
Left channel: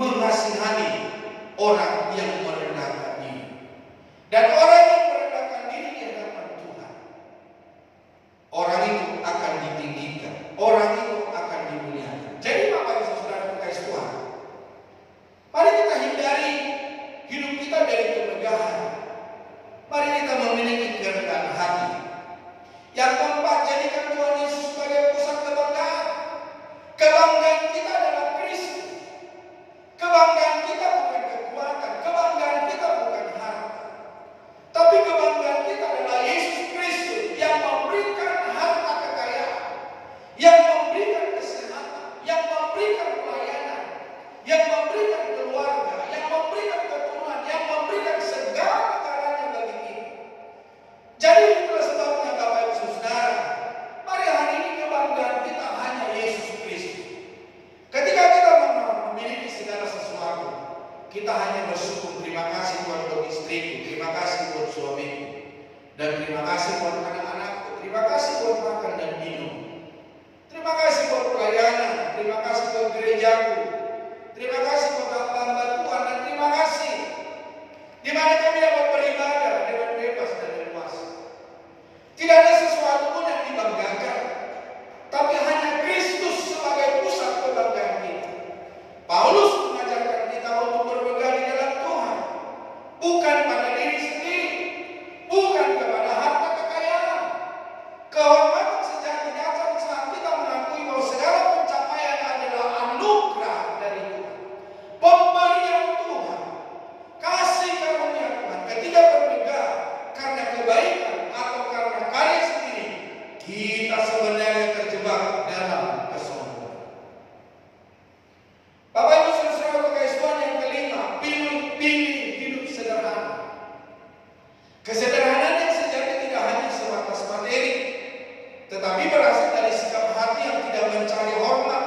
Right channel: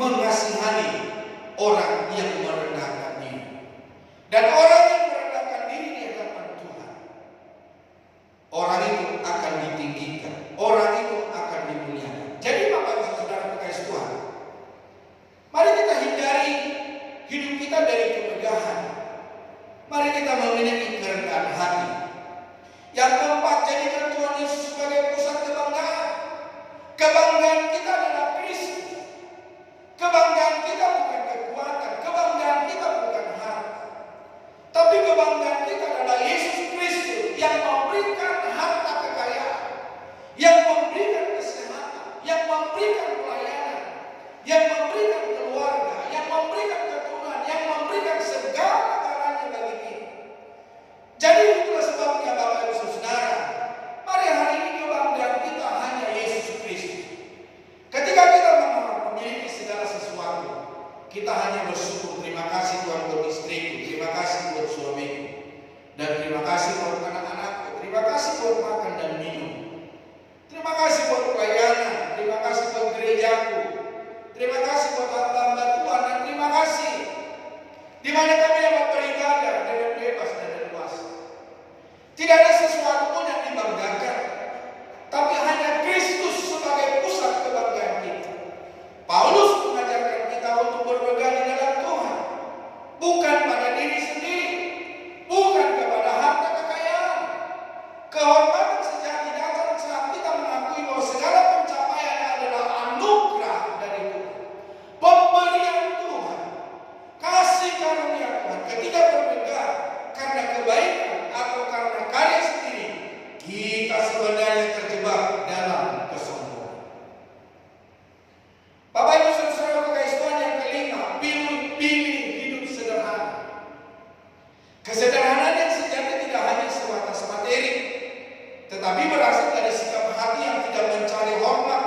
mengasihani orang yang merendahkan diri. Dan orang yang merendahkan diri di hadapan Tuhan, orang itu akan ditinggikan, orang itu akan dimuliakan. Jadi Bapak Ibu Saudara kekasih Tuhan, mari kita hindari hidup kita dari kemegahan. Mari kita memiliki kerendahan hati. Yang keempat, jadikan Tuhan Yesus sebagai pusat kebanggaan. Kebanggaan kita adalah Kristus. Kebanggaan kita bukan kekuatan, kebanggaan kita bukan harta, tapi kebanggaan kita adalah Yesus Kristus yang memberikan harta kekayaan, yang memberikan kesehatan, yang memberikan pelayanan, yang memberikan keluarga, yang memberikan keturunan, yang memberikan segala galanya bagi kita. Jadi itulah sebabnya Bapak Ibu Saudara, mari hari ini kebanggaan kita hanya Yesus Kristus. Ketika kita memiliki segala sesuatu, kita hanya bersyukur. Terima kasih Tuhan buat istriku, terima kasih buat suamiku, dan terima kasih buat anak-anakku, terima kasih buat makan dan minum, terima kasih buat pelayanan, terima kasih buat gerejaku, terima kasih buat hamba-hamba Tuhan, dan terima kasih di mana kami dapat beribadah dengan bebas dan leluasa. Tidak ada sesuatu pun yang dibanggakan, tapi hanya Kristus sebagai pusat kebanggaan kita. Paulus mengajarkan kita untuk berpegang di dalam Tuhan, bukan pada diri sendiri, bukan kepada harta kekayaan. Kehormatan sejati datang saat kita mengakui bahwa segala pencapaian adalah anugerah dari Tuhan, pemberian Tuhan, kasih karunia Tuhan. Ketika berpegang karena kebaikan atau karena karya sendiri, kita sebenarnya terjebak dalam kesombongan. Bapak Ibu Saudara kekasih Tuhan, yang kelima, pilih hidup sederhana. Kesederhanaan yang sejati tidak hanya sebatas materi, tetapi berasal dari sikap hati yang tidak mencari hormat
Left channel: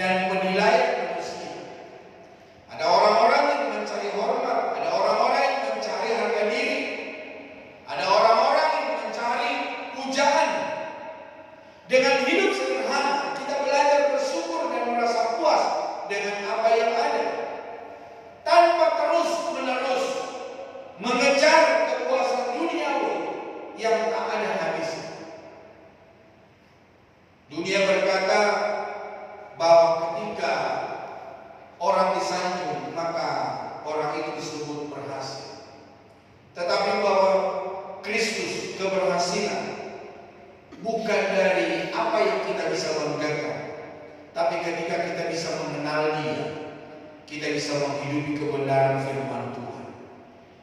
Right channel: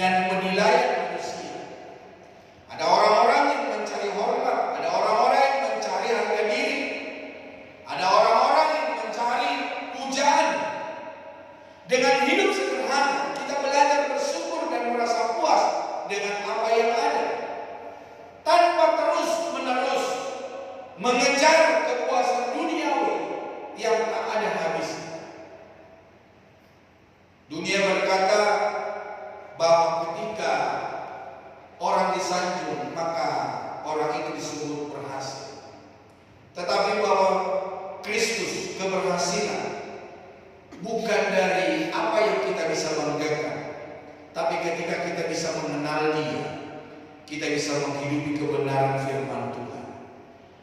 dan penilaian manusia. Ada orang-orang yang mencari hormat, ada orang-orang yang mencari harga diri, ada orang-orang yang mencari pujaan. Dengan hidup sederhana, kita belajar bersyukur dan merasa puas dengan apa yang ada, tanpa terus-menerus mengejar kepuasan duniawi yang tak ada habisnya. Dunia berkata bahwa ketika orang disanjung, maka orang itu disebut berhasil. Tetapi bahwa Kristus, keberhasilan bukan dari apa yang kita bisa banggakan, tapi ketika kita bisa mengenal Dia, kita bisa menghidupi kebenaran firman Tuhan,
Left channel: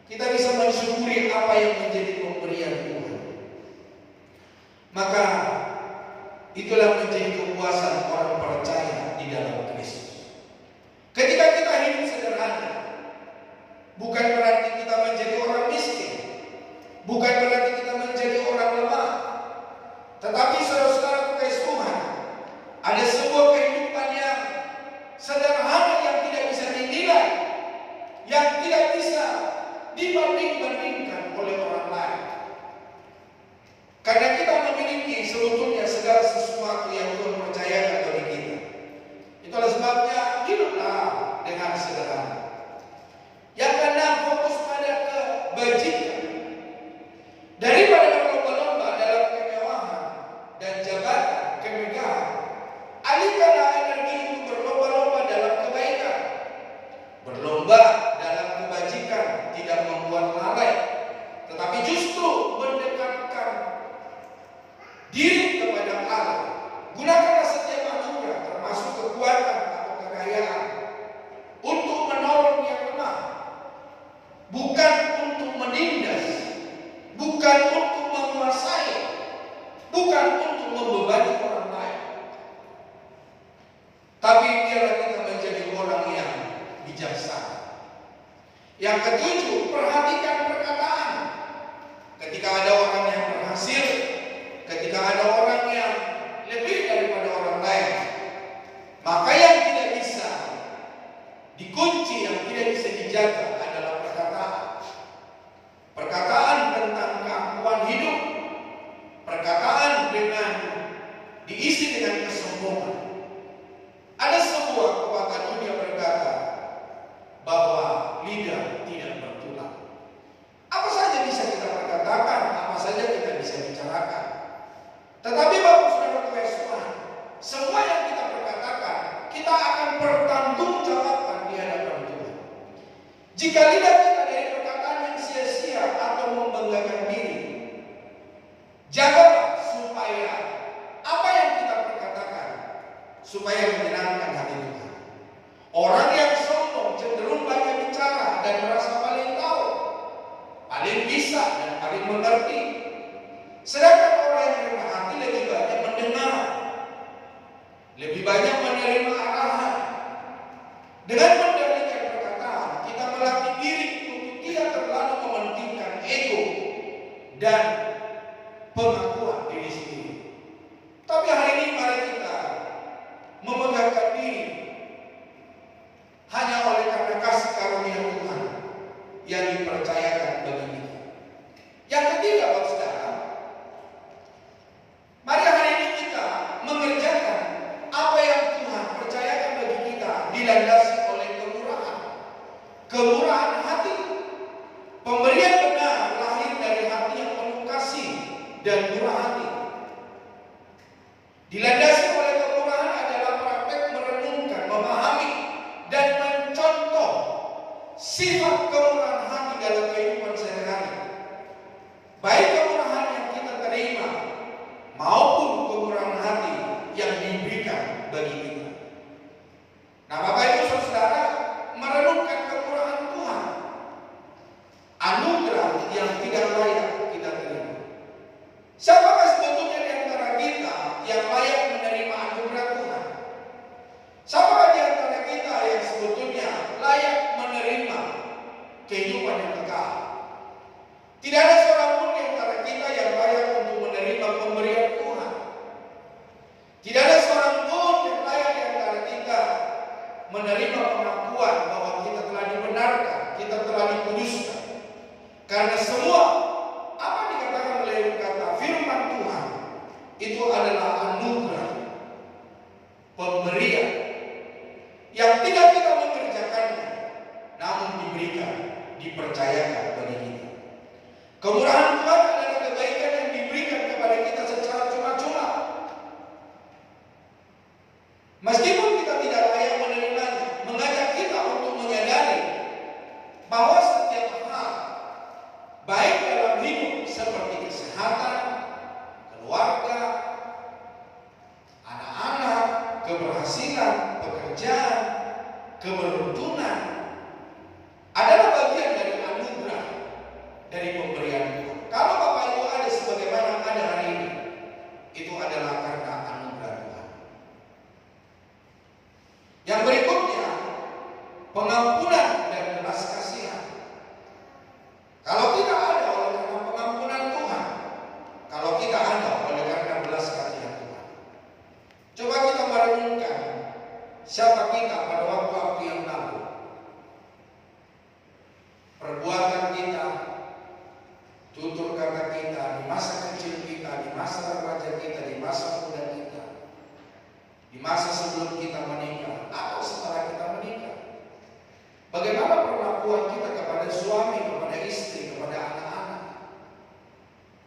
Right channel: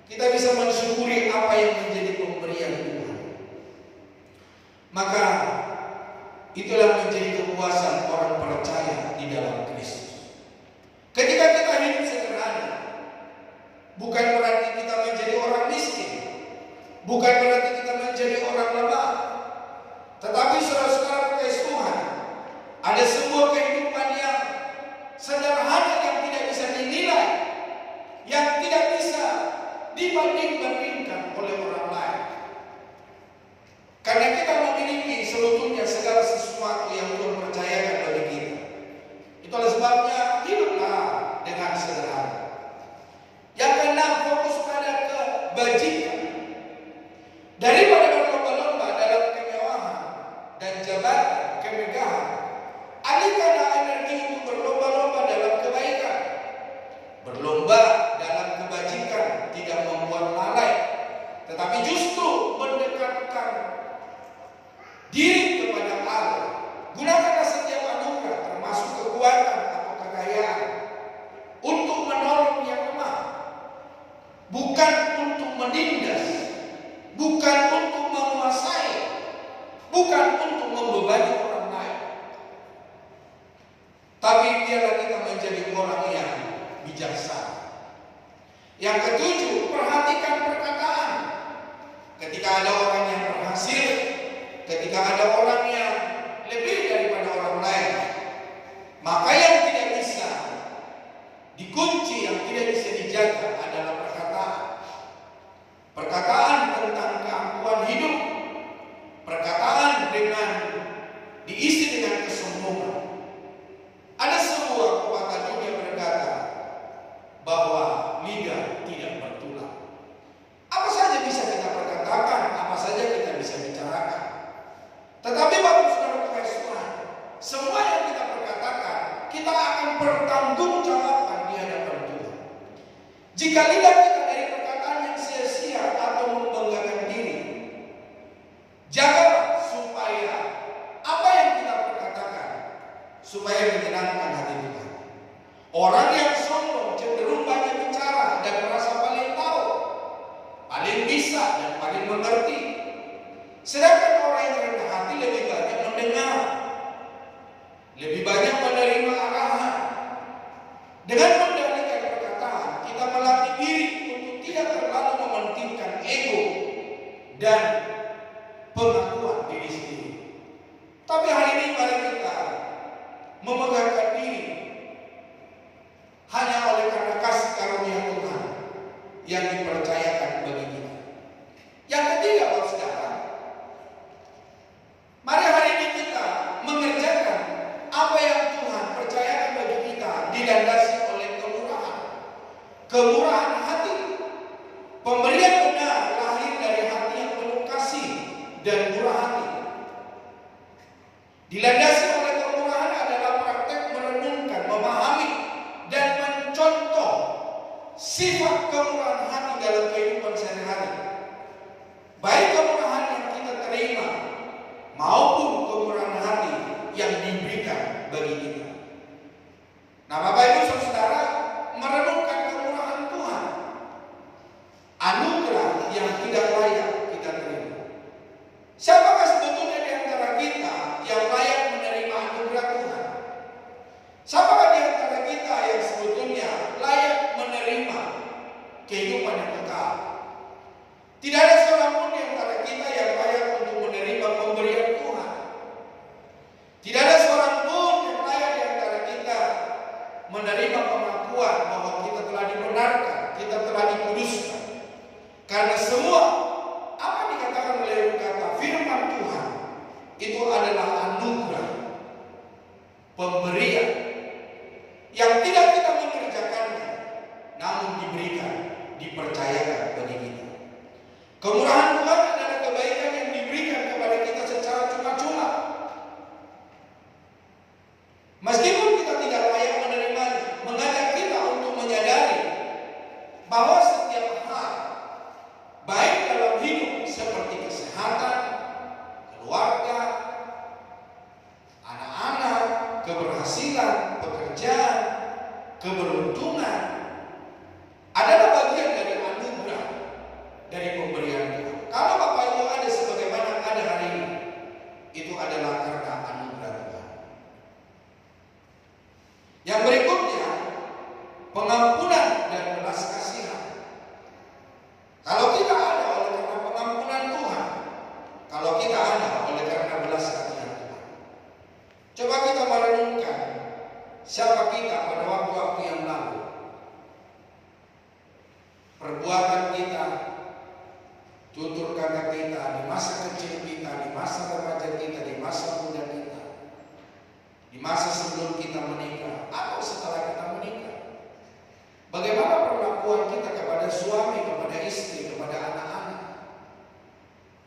kita bisa mensyukuri apa yang menjadi pemberian Tuhan. Maka itulah menjadi kepuasan orang percaya di dalam Kristus. Ketika kita hidup sederhana, bukan berarti kita menjadi orang miskin, bukan berarti kita menjadi orang lemah, tetapi saudara-saudara kekasih Tuhan, ada sebuah kehidupan yang sederhana yang tidak bisa dinilai, yang tidak bisa dibanding-bandingkan oleh orang lain. Karena kita memiliki sebetulnya segala sesuatu yang Tuhan percayakan bagi kita. Itulah sebabnya hiduplah dengan sederhana. Yang keenam, fokus pada kebajikan. Daripada berlomba-lomba dalam kemewahan dan jabatan kemegahan, alihkanlah energi itu berlomba-lomba dalam kebaikan. Berlomba dalam kebajikan tidak membuat lalai, tetapi justru mendekatkan diri kepada Allah. Gunakanlah setiap anugerah, termasuk kekuatan atau kekayaan, untuk menolong yang lemah, bukan untuk menindas, bukan untuk menguasai, bukan untuk membebani orang lain. Tapi biarlah kita menjadi orang yang bijaksana. Yang ketujuh, perhatikan perkataan. Ketika ada orang yang berhasil, ketika ada orang yang lebih daripada orang lain, maka yang tidak bisa dikunci, yang tidak bisa dijaga adalah perkataan. Perkataan tentang keangkuhan hidup, perkataan dengan diisi dengan kesombongan. Ada sebuah pepatah dunia berkata bahwa lidah tidak bertulang. Apa saja bisa kita perkatakan, apa saja kita bisa bicarakan. Tetapi Bapak Saudara Tuhan, semua yang kita perkatakan, kita akan bertanggungjawabkan di hadapan Tuhan. Jika lidah kita dari perkataan yang sia-sia atau membanggakan diri, jagalah supaya apa yang kita perkatakan supaya menyenangkan hati Tuhan. Orang yang sombong cenderung banyak bicara dan merasa paling tahu, paling bisa dan paling mengerti. Sedangkan orang yang rendah hati lebih banyak mendengar, lebih banyak menerima arahan. Dengan mendalilkan perkataan, kita melatih diri untuk tidak terlalu mementingkan ego dan pengakuan diri sendiri. Tapi hari ini mari kita memegahkan diri hanya oleh karena kasih karunia Tuhan yang dipercayakan bagi kita. Yang ketiga, Bapak Saudara, mari hari ini kita mengerjakan apa yang Tuhan percayakan bagi kita, dilandasi oleh kemurahan. Kemurahan hati. Pemberian benar lahir dari hati yang penuh kasih dan murah hati. Dilandasi oleh kemurahan adalah praktek merenungkan, memahami, dan mencontoh sifat kemurahan hati dalam kehidupan sehari-hari. Baik kemurahan yang kita terima maupun kemurahan hati yang diberikan bagi kita. Nah, Bapak Ibu Saudara, merenungkan kemurahan Tuhan, anugerah yang tidak layak kita terima. Siapakah sebetulnya di antara kita yang layak menerima anugerah Tuhan? Siapakah di antara kita yang sebetulnya layak menerima kehidupan yang kekal? Tidak ada seorang pun di antara kita yang layak untuk menerima pemberian Tuhan. Tidak ada seorang pun yang layak di antara kita menerima pengakuan bahwa kita telah dibenarkan, kita telah dikuduskan. Karena semua apa dikatakan oleh kata firman Tuhan itu adalah anugerah, pemberian yang tidak kita mengerjakannya, namun diberikan, dipercayakan bagi kita. Kemurahan Tuhan adalah kebaikan yang diberikan kepada kita secara cuma-cuma. Meskipun kita tidak layak menerimanya, mengajak kita untuk menyadari bahwa setiap hal, baik dalam hidup seperti kesehatan, keluarga, anak-anak, keberhasilan, pekerjaan, keberuntungan, adalah bagian dari anugerah, dari pemberian Tuhan. Kalau Bapak Ibu ada sebagaimana ada hari ini, itu adalah karena anugerah Tuhan. Yang berikutnya, pengampunan dan belas kasihan. Kalau kita ada oleh karena pengampunan Tuhan, kalau kita ada oleh karena belas kasihan Tuhan. Coba kita merenungkan siapa kita pada waktu-waktu yang lalu. Perbuatan kita, tutur kata kita, di masa kecil kita, di masa remaja kita, di di masa sebelum kita menikah atau setelah kita menikah. Bagaimana perlakuan kita kepada suami, kepada istri, kepada anak-anak?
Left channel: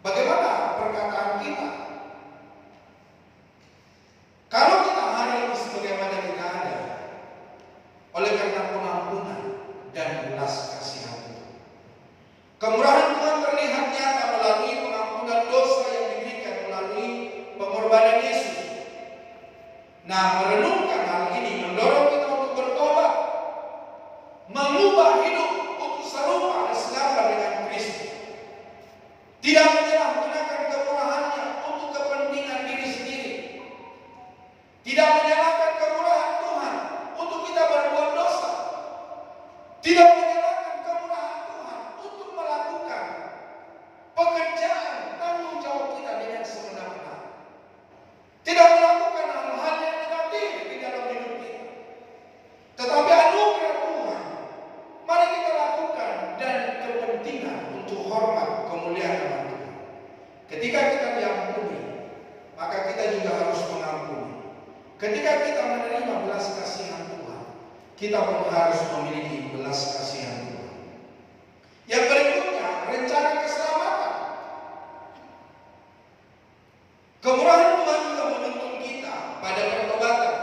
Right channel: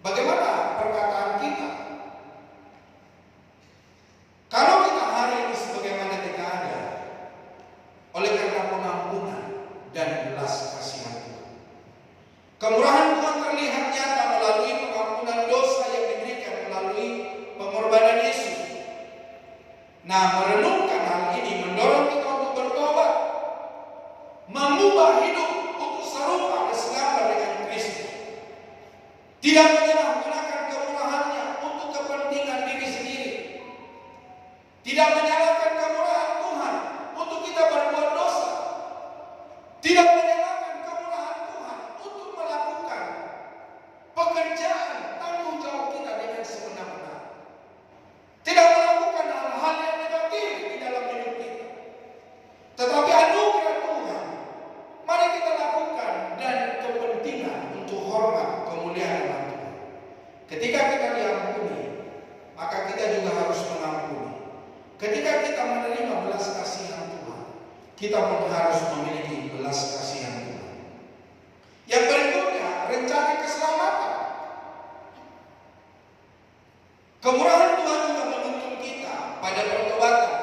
Bagaimana perkataan kita? Kalau kita hari ini sebagaimana kita ada, oleh karena pengampunan dan belas kasihan Tuhan. Kemurahan Tuhan terlihat nyata melalui pengampunan dosa yang diberikan melalui pengorbanan Yesus. Nah, merenungkan hal ini mendorong kita untuk bertobat, mengubah hidup untuk serupa dan segambar dengan Kristus. Tidak menyalahgunakan kemurahannya untuk kepentingan diri sendiri. Tidak menyalahkan kemurahan Tuhan untuk kita berbuat dosa. Tidak menyalahkan kemurahan Tuhan untuk melakukan pekerjaan tanggung jawab kita dengan sebenar-benar. Tidak melakukan hal-hal yang negatif di dalam hidup kita. Tetapi anugerah Tuhan mari kita lakukan dan kepentingan untuk hormat kemuliaan nama Tuhan. Ketika kita diampuni, maka kita juga harus mengampuni. Ketika kita menerima belas kasihan Tuhan, kita pun harus memiliki belas kasihan Tuhan. Yang berikutnya, rencana keselamatan. Kemurahan Tuhan juga menuntun kita pada pertobatan,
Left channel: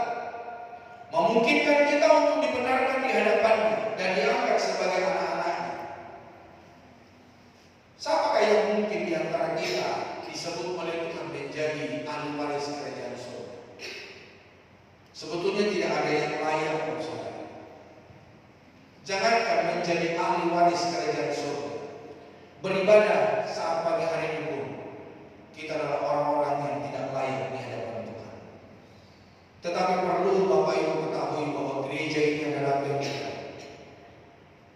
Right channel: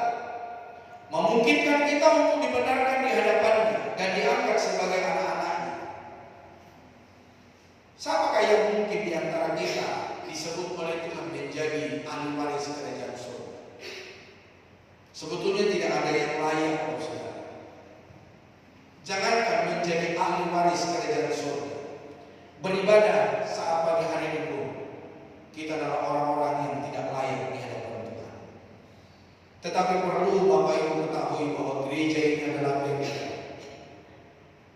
memungkinkan kita untuk dibenarkan di hadapannya dan diangkat sebagai anak-anaknya. Siapakah yang mungkin di antara kita disebut oleh Tuhan menjadi ahli waris kerajaan surga? Sebetulnya tidak ada yang layak, saudara. Jangankan menjadi ahli waris kerajaan surga, beribadah saat pagi hari ini pun kita adalah orang-orang yang tidak layak di hadapan Tuhan. Tetapi perlu Bapak Ibu ketahui bahwa gereja ini adalah kita.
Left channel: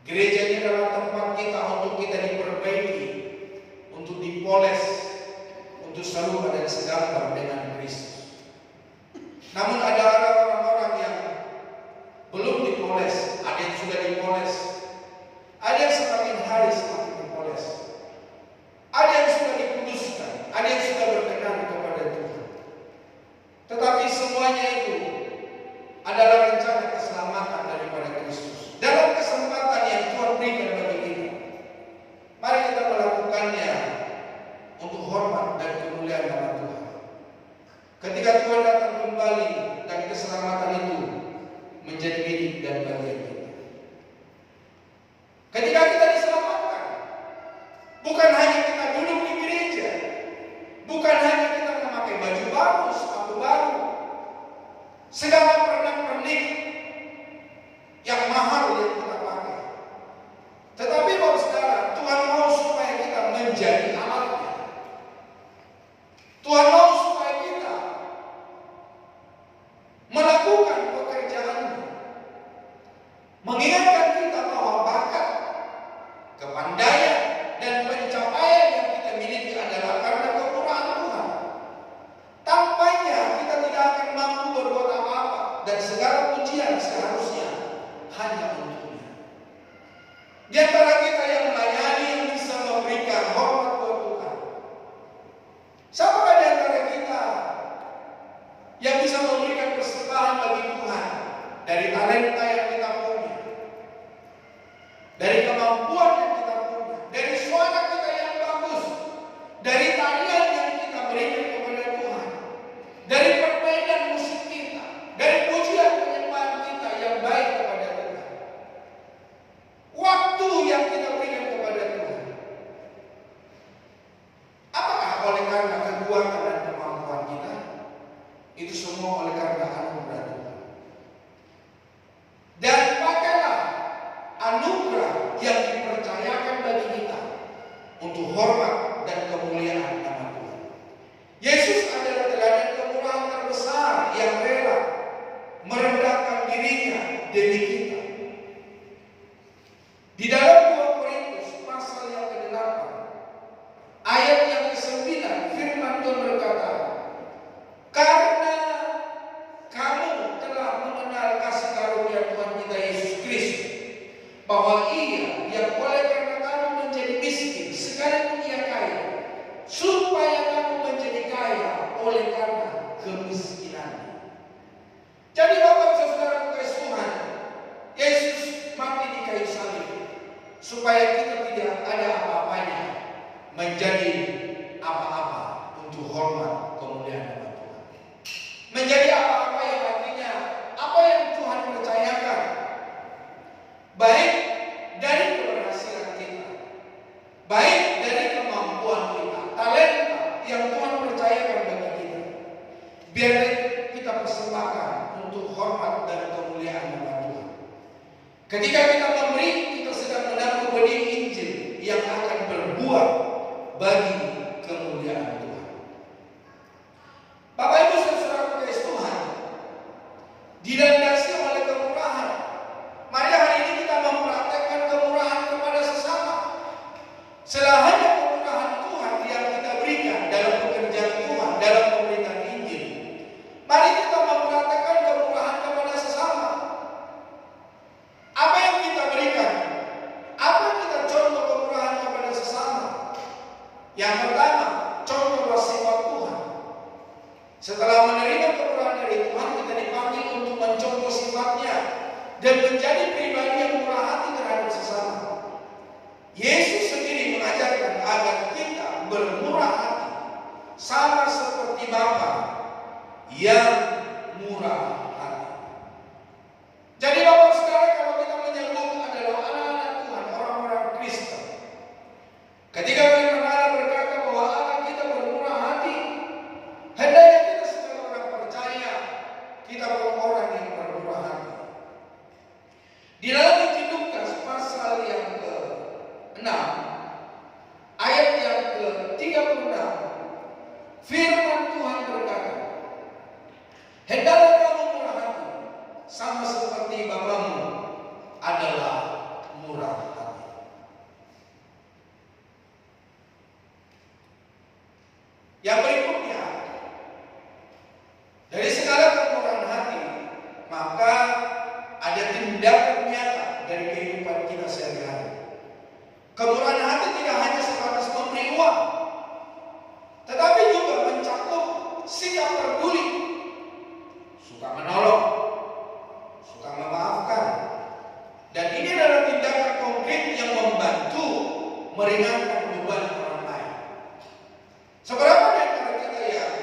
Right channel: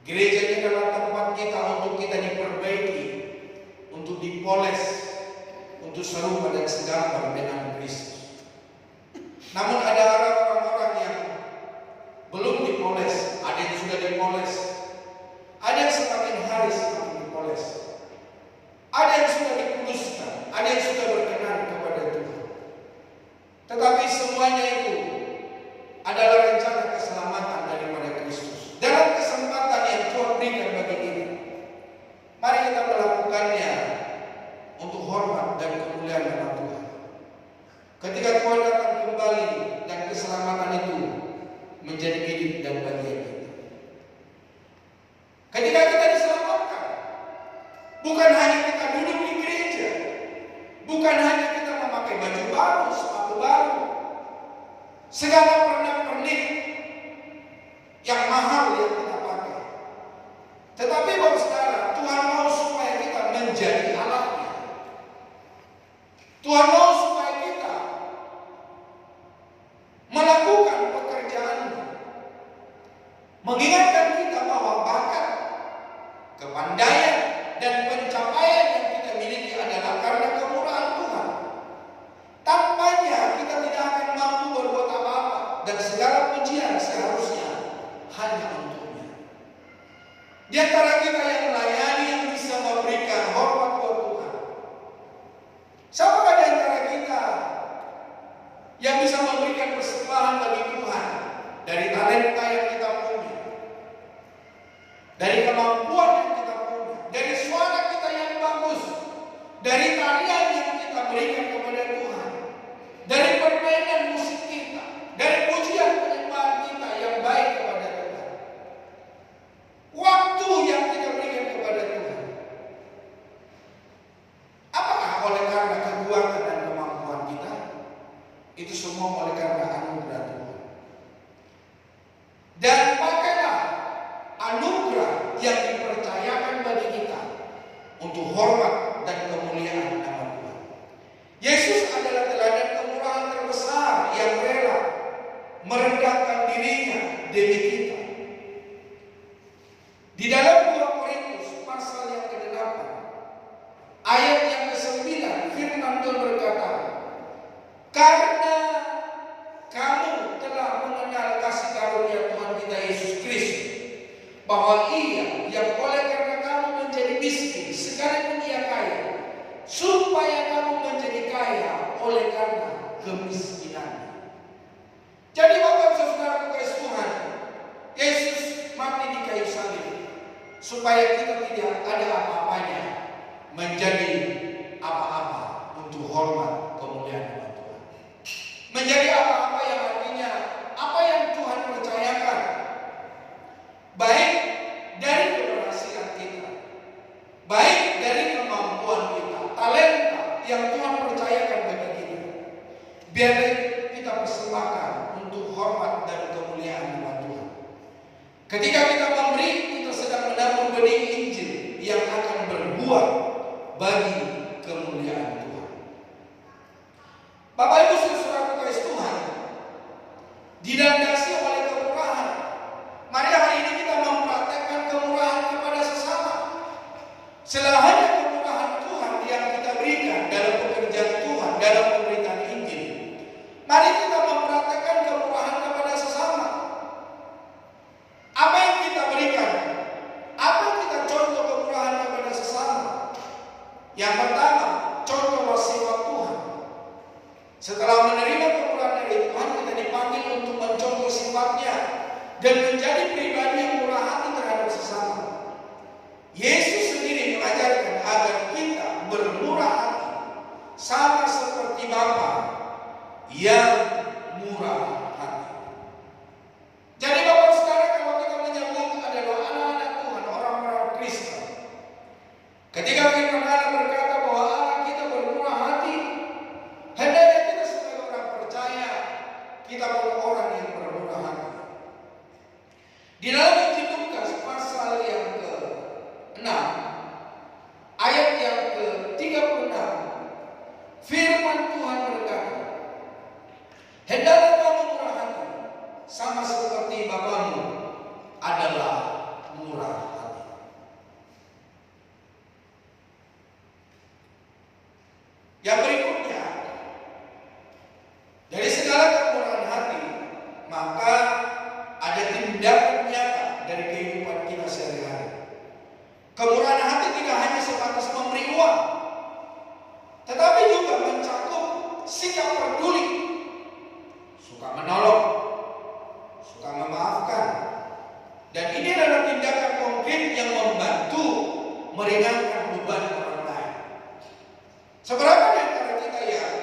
Gereja ini adalah tempat kita untuk kita diperbaiki, untuk dipoles, untuk serupa dan segambar dengan Kristus. Namun ada orang-orang yang belum dipoles, ada yang sudah dipoles, ada yang semakin hari semakin dipoles, ada yang sudah dikuduskan, ada yang sudah berkenan kepada Tuhan. Tetapi semuanya itu adalah rencana keselamatan daripada Kristus. Dalam kesempatan yang Tuhan berikan bagi kita, mari kita melakukannya untuk hormat dan kemuliaan nama Tuhan. Ketika Tuhan datang kembali dan keselamatan itu menjadi milik dan bagian kita. Ketika kita diselamatkan, bukan hanya kita duduk di gereja, bukan hanya kita memakai baju baru, sepatu baru, segala pernak-pernik yang mahal yang kita pakai. Tetapi Bapak Saudara, Tuhan mau supaya kita menjadi alatnya. Tuhan mau supaya kita melakukan pekerjaannya, mengingatkan kita bahwa bakat, kepandaian, dan pencapaian yang kita miliki adalah karena kemurahan Tuhan. Tanpanya kita tidak akan mampu berbuat apa-apa, dan segala pujian seharusnya hanya untuknya. Di antara kita yang melayani, yang bisa memberikan hormat buat Tuhan, siapakah di antara kita yang bisa memberikan persembahan bagi Tuhan dari talenta yang kita punya, dari kemampuan yang kita punya, dari suara kita yang bagus, dari tarian yang kita berikan kepada Tuhan, dari permainan musik kita, dari pujian penyembahan kita yang baik kepada Tuhan, waktu yang kita berikan kepada Tuhan. Apakah oleh karena kekuatan dan kemampuan kita? Itu semua oleh karena anugerah Tuhan. Dan pakailah anugerah yang dipercayakan bagi kita untuk hormat dan kemuliaan nama Tuhan. Yesus adalah teladan kemurahan terbesar yang rela merendahkan dirinya demi kita. Di dalam 2 Korintus pasal yang ke-8 ayat yang ke-9 firman Tuhan berkata, karena kamu telah mengenal kasih karunia Tuhan kita Yesus Kristus, bahwa Ia yang oleh karena kamu menjadi miskin sekalipun Ia kaya, supaya kamu menjadi kaya oleh karena kemiskinan. Jadi Bapak Saudara kasih Tuhan, Yesus mati di kayu salib supaya kita tidak ada apa-apanya menjadi apa-apa untuk hormat kemuliaan nama Tuhan. Menjadi apa-apa yang artinya apa yang Tuhan percayakan, baik dari keberhasilan kita, baik dari kemampuan kita, talenta yang Tuhan percayakan bagi kita, biar kita persembahkan untuk hormat dan kemuliaan nama Tuhan. Ketika kita memberi, kita sedang menabur benih Injil yang akan berbuah bagi kemuliaan Tuhan. Bapak Ibu Saudara kasih Tuhan, dilandasi oleh kemurahan. Mari hari ini kita mempraktekkan kemurahan kepada sesama. Selain kemurahan Tuhan yang kita berikan dalam pekerjaan Tuhan, dalam pemberitaan Injil, mari kita mempraktekkan kemurahan kepada sesama. Apa yang kita berikan? Apa yang kita contoh kemurahan kepada sesama? Yang pertama, contohlah sifat Tuhan. Setelah menerima kemurahan dari Tuhan, kita dipanggil untuk mencontoh sifatnya dan menjadi pribadi yang murah hati terhadap sesama. Yesus sendiri mengajarkan agar kita bermurah hati sama seperti Bapa yang murah hati. Jadi Bapak Saudara, kalau kita menyambut adalah anak-anak Tuhan, orang-orang Kristen. Ketika firman Allah berkata bahwa Allah kita bermurah hati, hendaknya kita sebagai orang percaya, kita orang yang bermurah hati. Di dalam Injil Lukas pasal yang ke-6, ayat yang ke-36, firman Tuhan berkata, hendaklah kamu murah hati, sama seperti Bapamu adalah murah hati. Yang berikutnya, dari segala kemurahan hati, maka ada tindakan nyata dari kehidupan kita sehari-hari. Kemurahan hati tidak hanya sebatas memberi uang, tetapi juga mencakup sikap peduli, suka menolong, suka memaafkan. Dan ini adalah tindakan konkret yang membantu meringankan beban orang lain. Seberapa di antara kita yang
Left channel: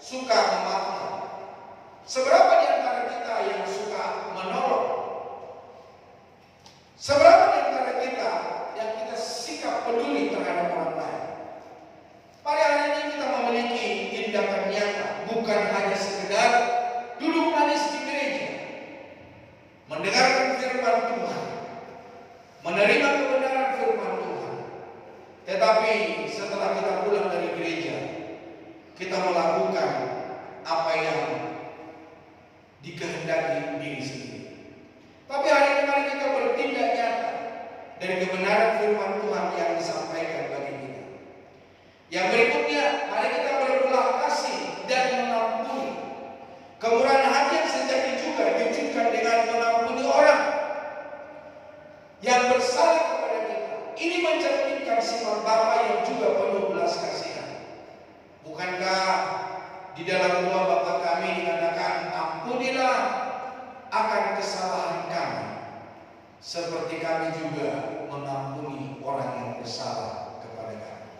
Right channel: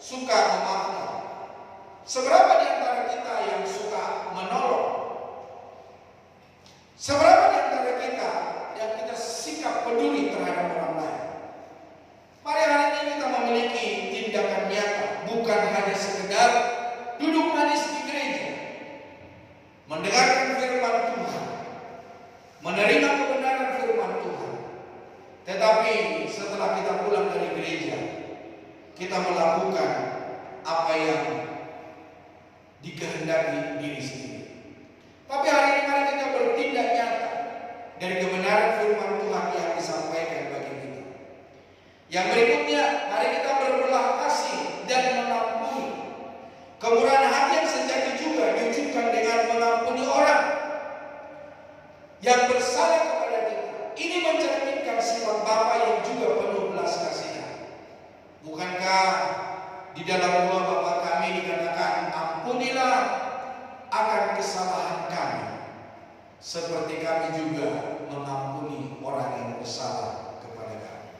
suka memaafkan? Seberapa di antara kita yang suka menolong? Seberapa di antara kita yang kita sikap peduli terhadap orang lain? Mari hari ini kita memiliki tindakan nyata, bukan hanya sekedar duduk manis di gereja, mendengarkan firman Tuhan, menerima kebenaran firman Tuhan, tetapi setelah kita pulang dari gereja, kita melakukan apa yang dikehendaki diri sendiri. Tapi hari ini mari kita bertindak nyata dari kebenaran firman Tuhan yang disampaikan bagi kita. Yang berikutnya, mari kita berbelah kasih dan mengampuni. Kemurahan hati yang sejati juga diwujudkan dengan mengampuni orang yang bersalah kepada kita. Ini mencerminkan sifat Bapa yang juga penuh belas kasihan. Bukankah di dalam doa Bapa kami dikatakan, ampunilah akan kesalahan kami, seperti kami juga mengampuni orang yang bersalah kepada kami.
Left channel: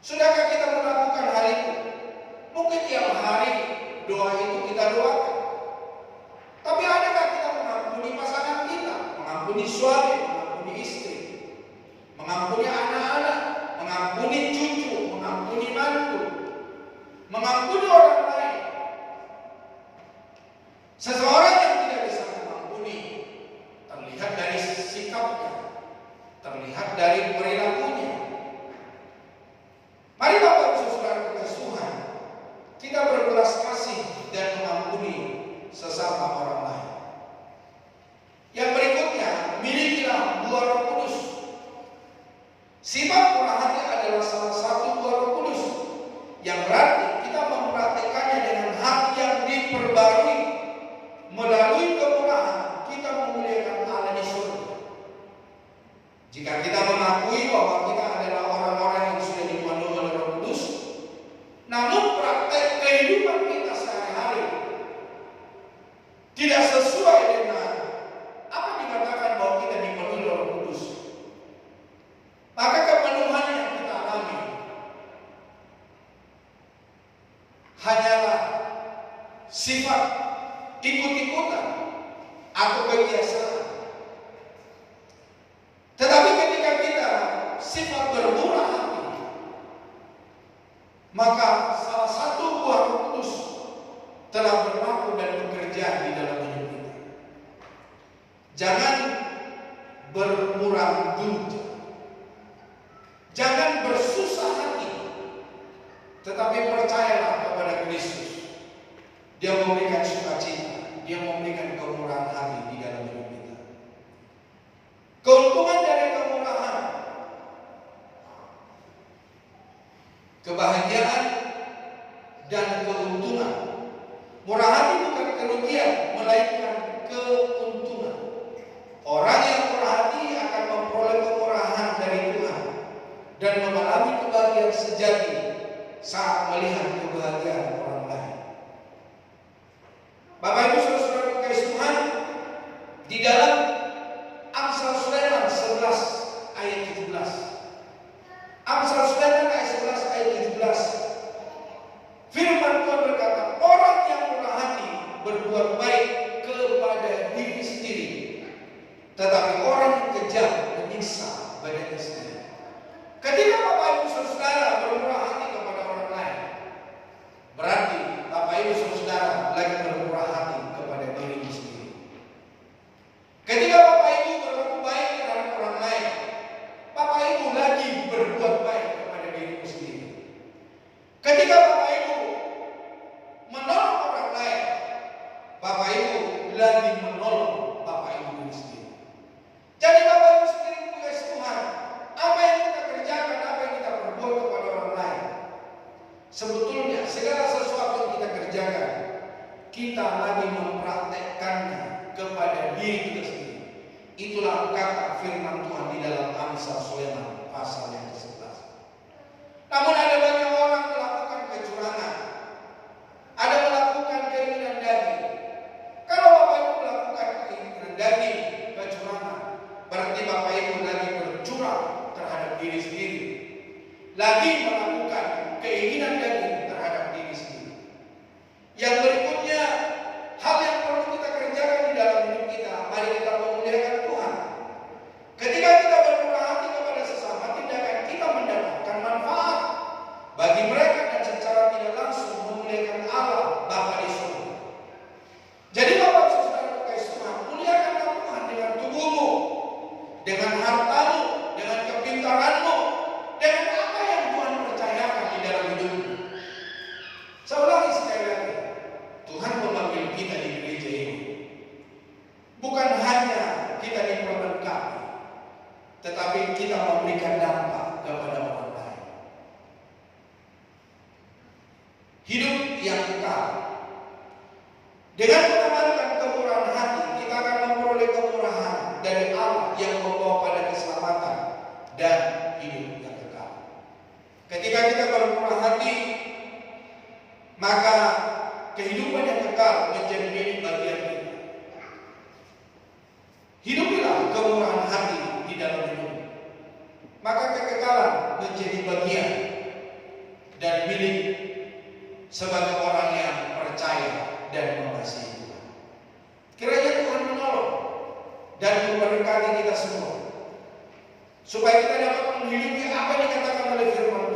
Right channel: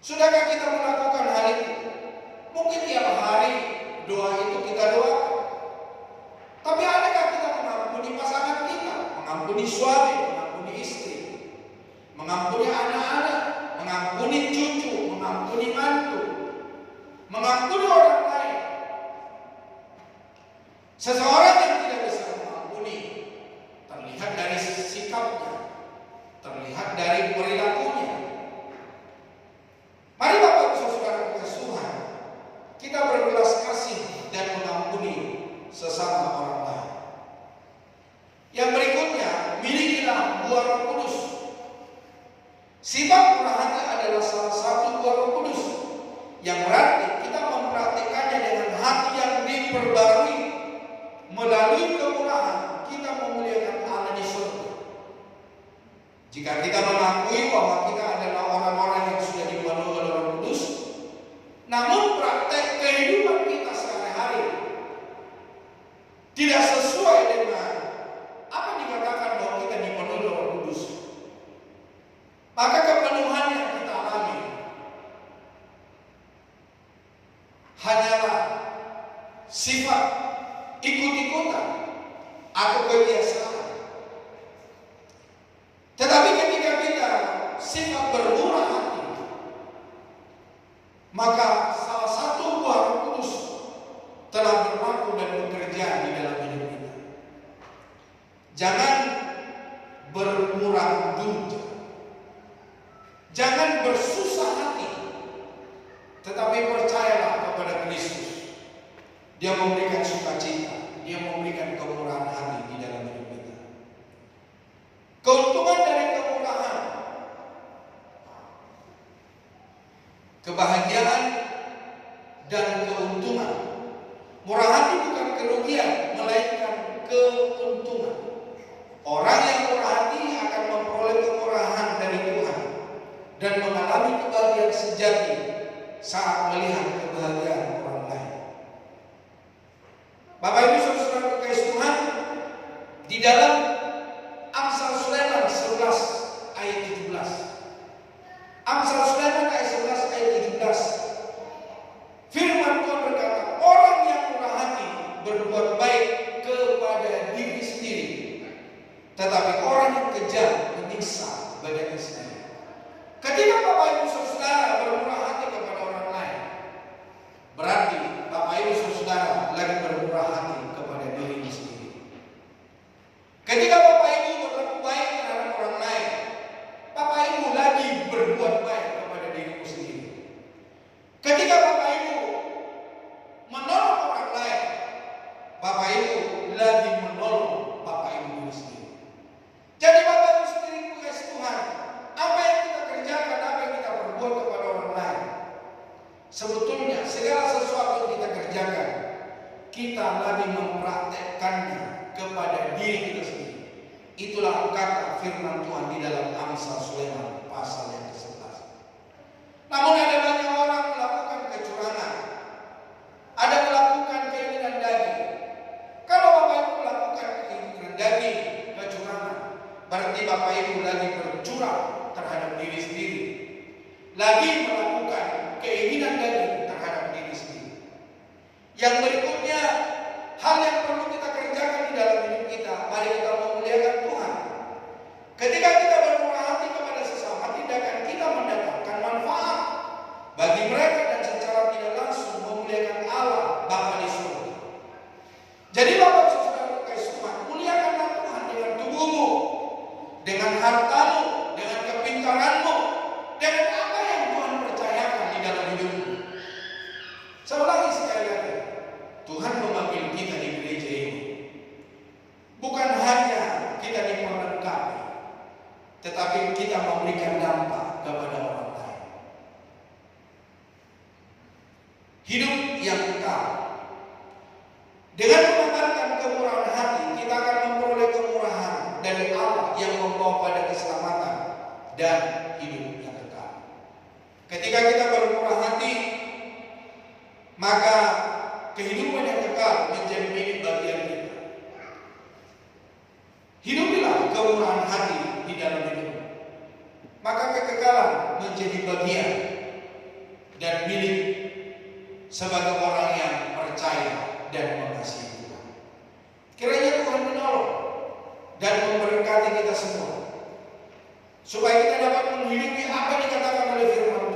Sudahkah kita melakukan hal itu? Mungkin tiap hari doa itu kita doakan. Tapi adakah kita mengampuni pasangan kita? Mengampuni suami, mengampuni istri, mengampuni anak-anak, mengampuni cucu, mengampuni mantu, mengampuni orang lain. Seseorang yang tidak bisa mengampuni terlihat dari sikapnya, terlihat dari perilakunya. Mari Bapak Ibu Saudara Tuhan, kita berbelas kasih dan mengampuni sesama orang lain. Yang berikutnya, milikilah buah Roh Kudus. Sifat murah hati adalah salah satu buah Roh Kudus, yang berarti kita mempraktikannya dengan hati yang diperbarui. Melalui kemurahan kita memuliakan Allah di surga. Jika kita mengakui bahwa kita adalah orang-orang yang sudah dipenuhi oleh Roh Kudus, namun praktek kehidupan kita sehari-hari hanyalah sifat ikut-ikutan atau kebiasaan. Tetapi ketika kita sifat bermurah hati, maka salah satu buah Roh Kudus telah berlaku dan bekerja di dalam hidup kita. Jangan bermurah duit, jangan bersusah hati, tetapi percayalah kepada Kristus. Dia memberikan sukacita, Dia memberikan kemurahan hati di dalam hidup kita. Keuntungan dari kemurahan, kebahagiaan dan keuntungan. Murah hati bukan kerugian, melainkan keuntungan. Orang yang murah hati akan memperoleh kemurahan dari Tuhan dan mengalami kebahagiaan sejati saat melihat kebahagiaan orang lain. Bapak Ibu Saudara terkasih Tuhan, di dalam Amsal Sulaiman 11 ayat 17. Amsal Sulaiman ayat 11 ayat 17. Firman Tuhan berkata, orang yang murah hati berbuat baik kepada diri sendiri, tetapi orang yang kejam menyiksa badannya sendiri. Ketika Bapak Ibu Saudara bermurah hati kepada orang lain, berarti Bapak Ibu Saudara lagi bermurah hati kepada diri sendiri. Ketika Bapak Ibu berlaku baik terhadap orang lain, Bapak Ibu lagi berbuat baik kepada diri sendiri. Ketika Bapak Ibu menolong orang lain, Bapak Ibu lagi menolong Bapak Ibu diri sendiri. Jadi Bapak Ibu sendiri tugas Tuhan, apa yang kita kerjakan, apa yang kita berbuat kepada orang lain, sebetulnya segala sesuatu yang kita kerjakan, kita lagi mempraktekkannya kepada diri kita sendiri. Itulah kata firman Tuhan di dalam Amsal Sulaiman pasal yang ke-11. Namun ada banyak orang melakukan kecurangan, ada melakukan keinginan daging. Kalau Bapak Ibu melakukan keinginan daging, kecurangan, berarti Bapak Ibu lagi bercurang terhadap diri sendiri, lagi melakukan keinginan daging terhadap diri sendiri. Yang berikutnya, hal yang perlu kita kerjakan di dalam hidup kita, mari kita memuliakan Tuhan. Ketika kita bermurah hati kepada sesama, tindakan kita mendapatkan manfaat bagi mereka dan secara tidak langsung memuliakan Allah Bapa di surga. Jadi Bapak Saudara terkasih Tuhan, muliakanlah Tuhan dengan tubuhmu, dengan hartamu, dengan kepintaranmu, dengan apa yang Tuhan percayakan di dalam hidupmu. Saya ulangi sekali lagi, Tuhan memanggil kita di gereja ini bukan hanya kita diperlengkapi, tetapi kita memberikan dampak kepada orang lain. Hidup yang kekal. Dengan mengamalkan kemurahan hati, kita akan memperoleh kemurahan dari Allah yang membawa pada keselamatan dan hidup yang kekal. Ketika kita bermurah hati, maka kehidupan yang kekal menjadi milik bagian kita. Hidupilah kemurahan hati di dalam hidup, maka kekekalan menjadi bagian dan milik sebagai orang yang percaya dan mengasihi Tuhan. Kiranya Tuhan menolong dan memberkati kita semua, supaya kita dapat menghidupi apa yang dikatakan oleh firman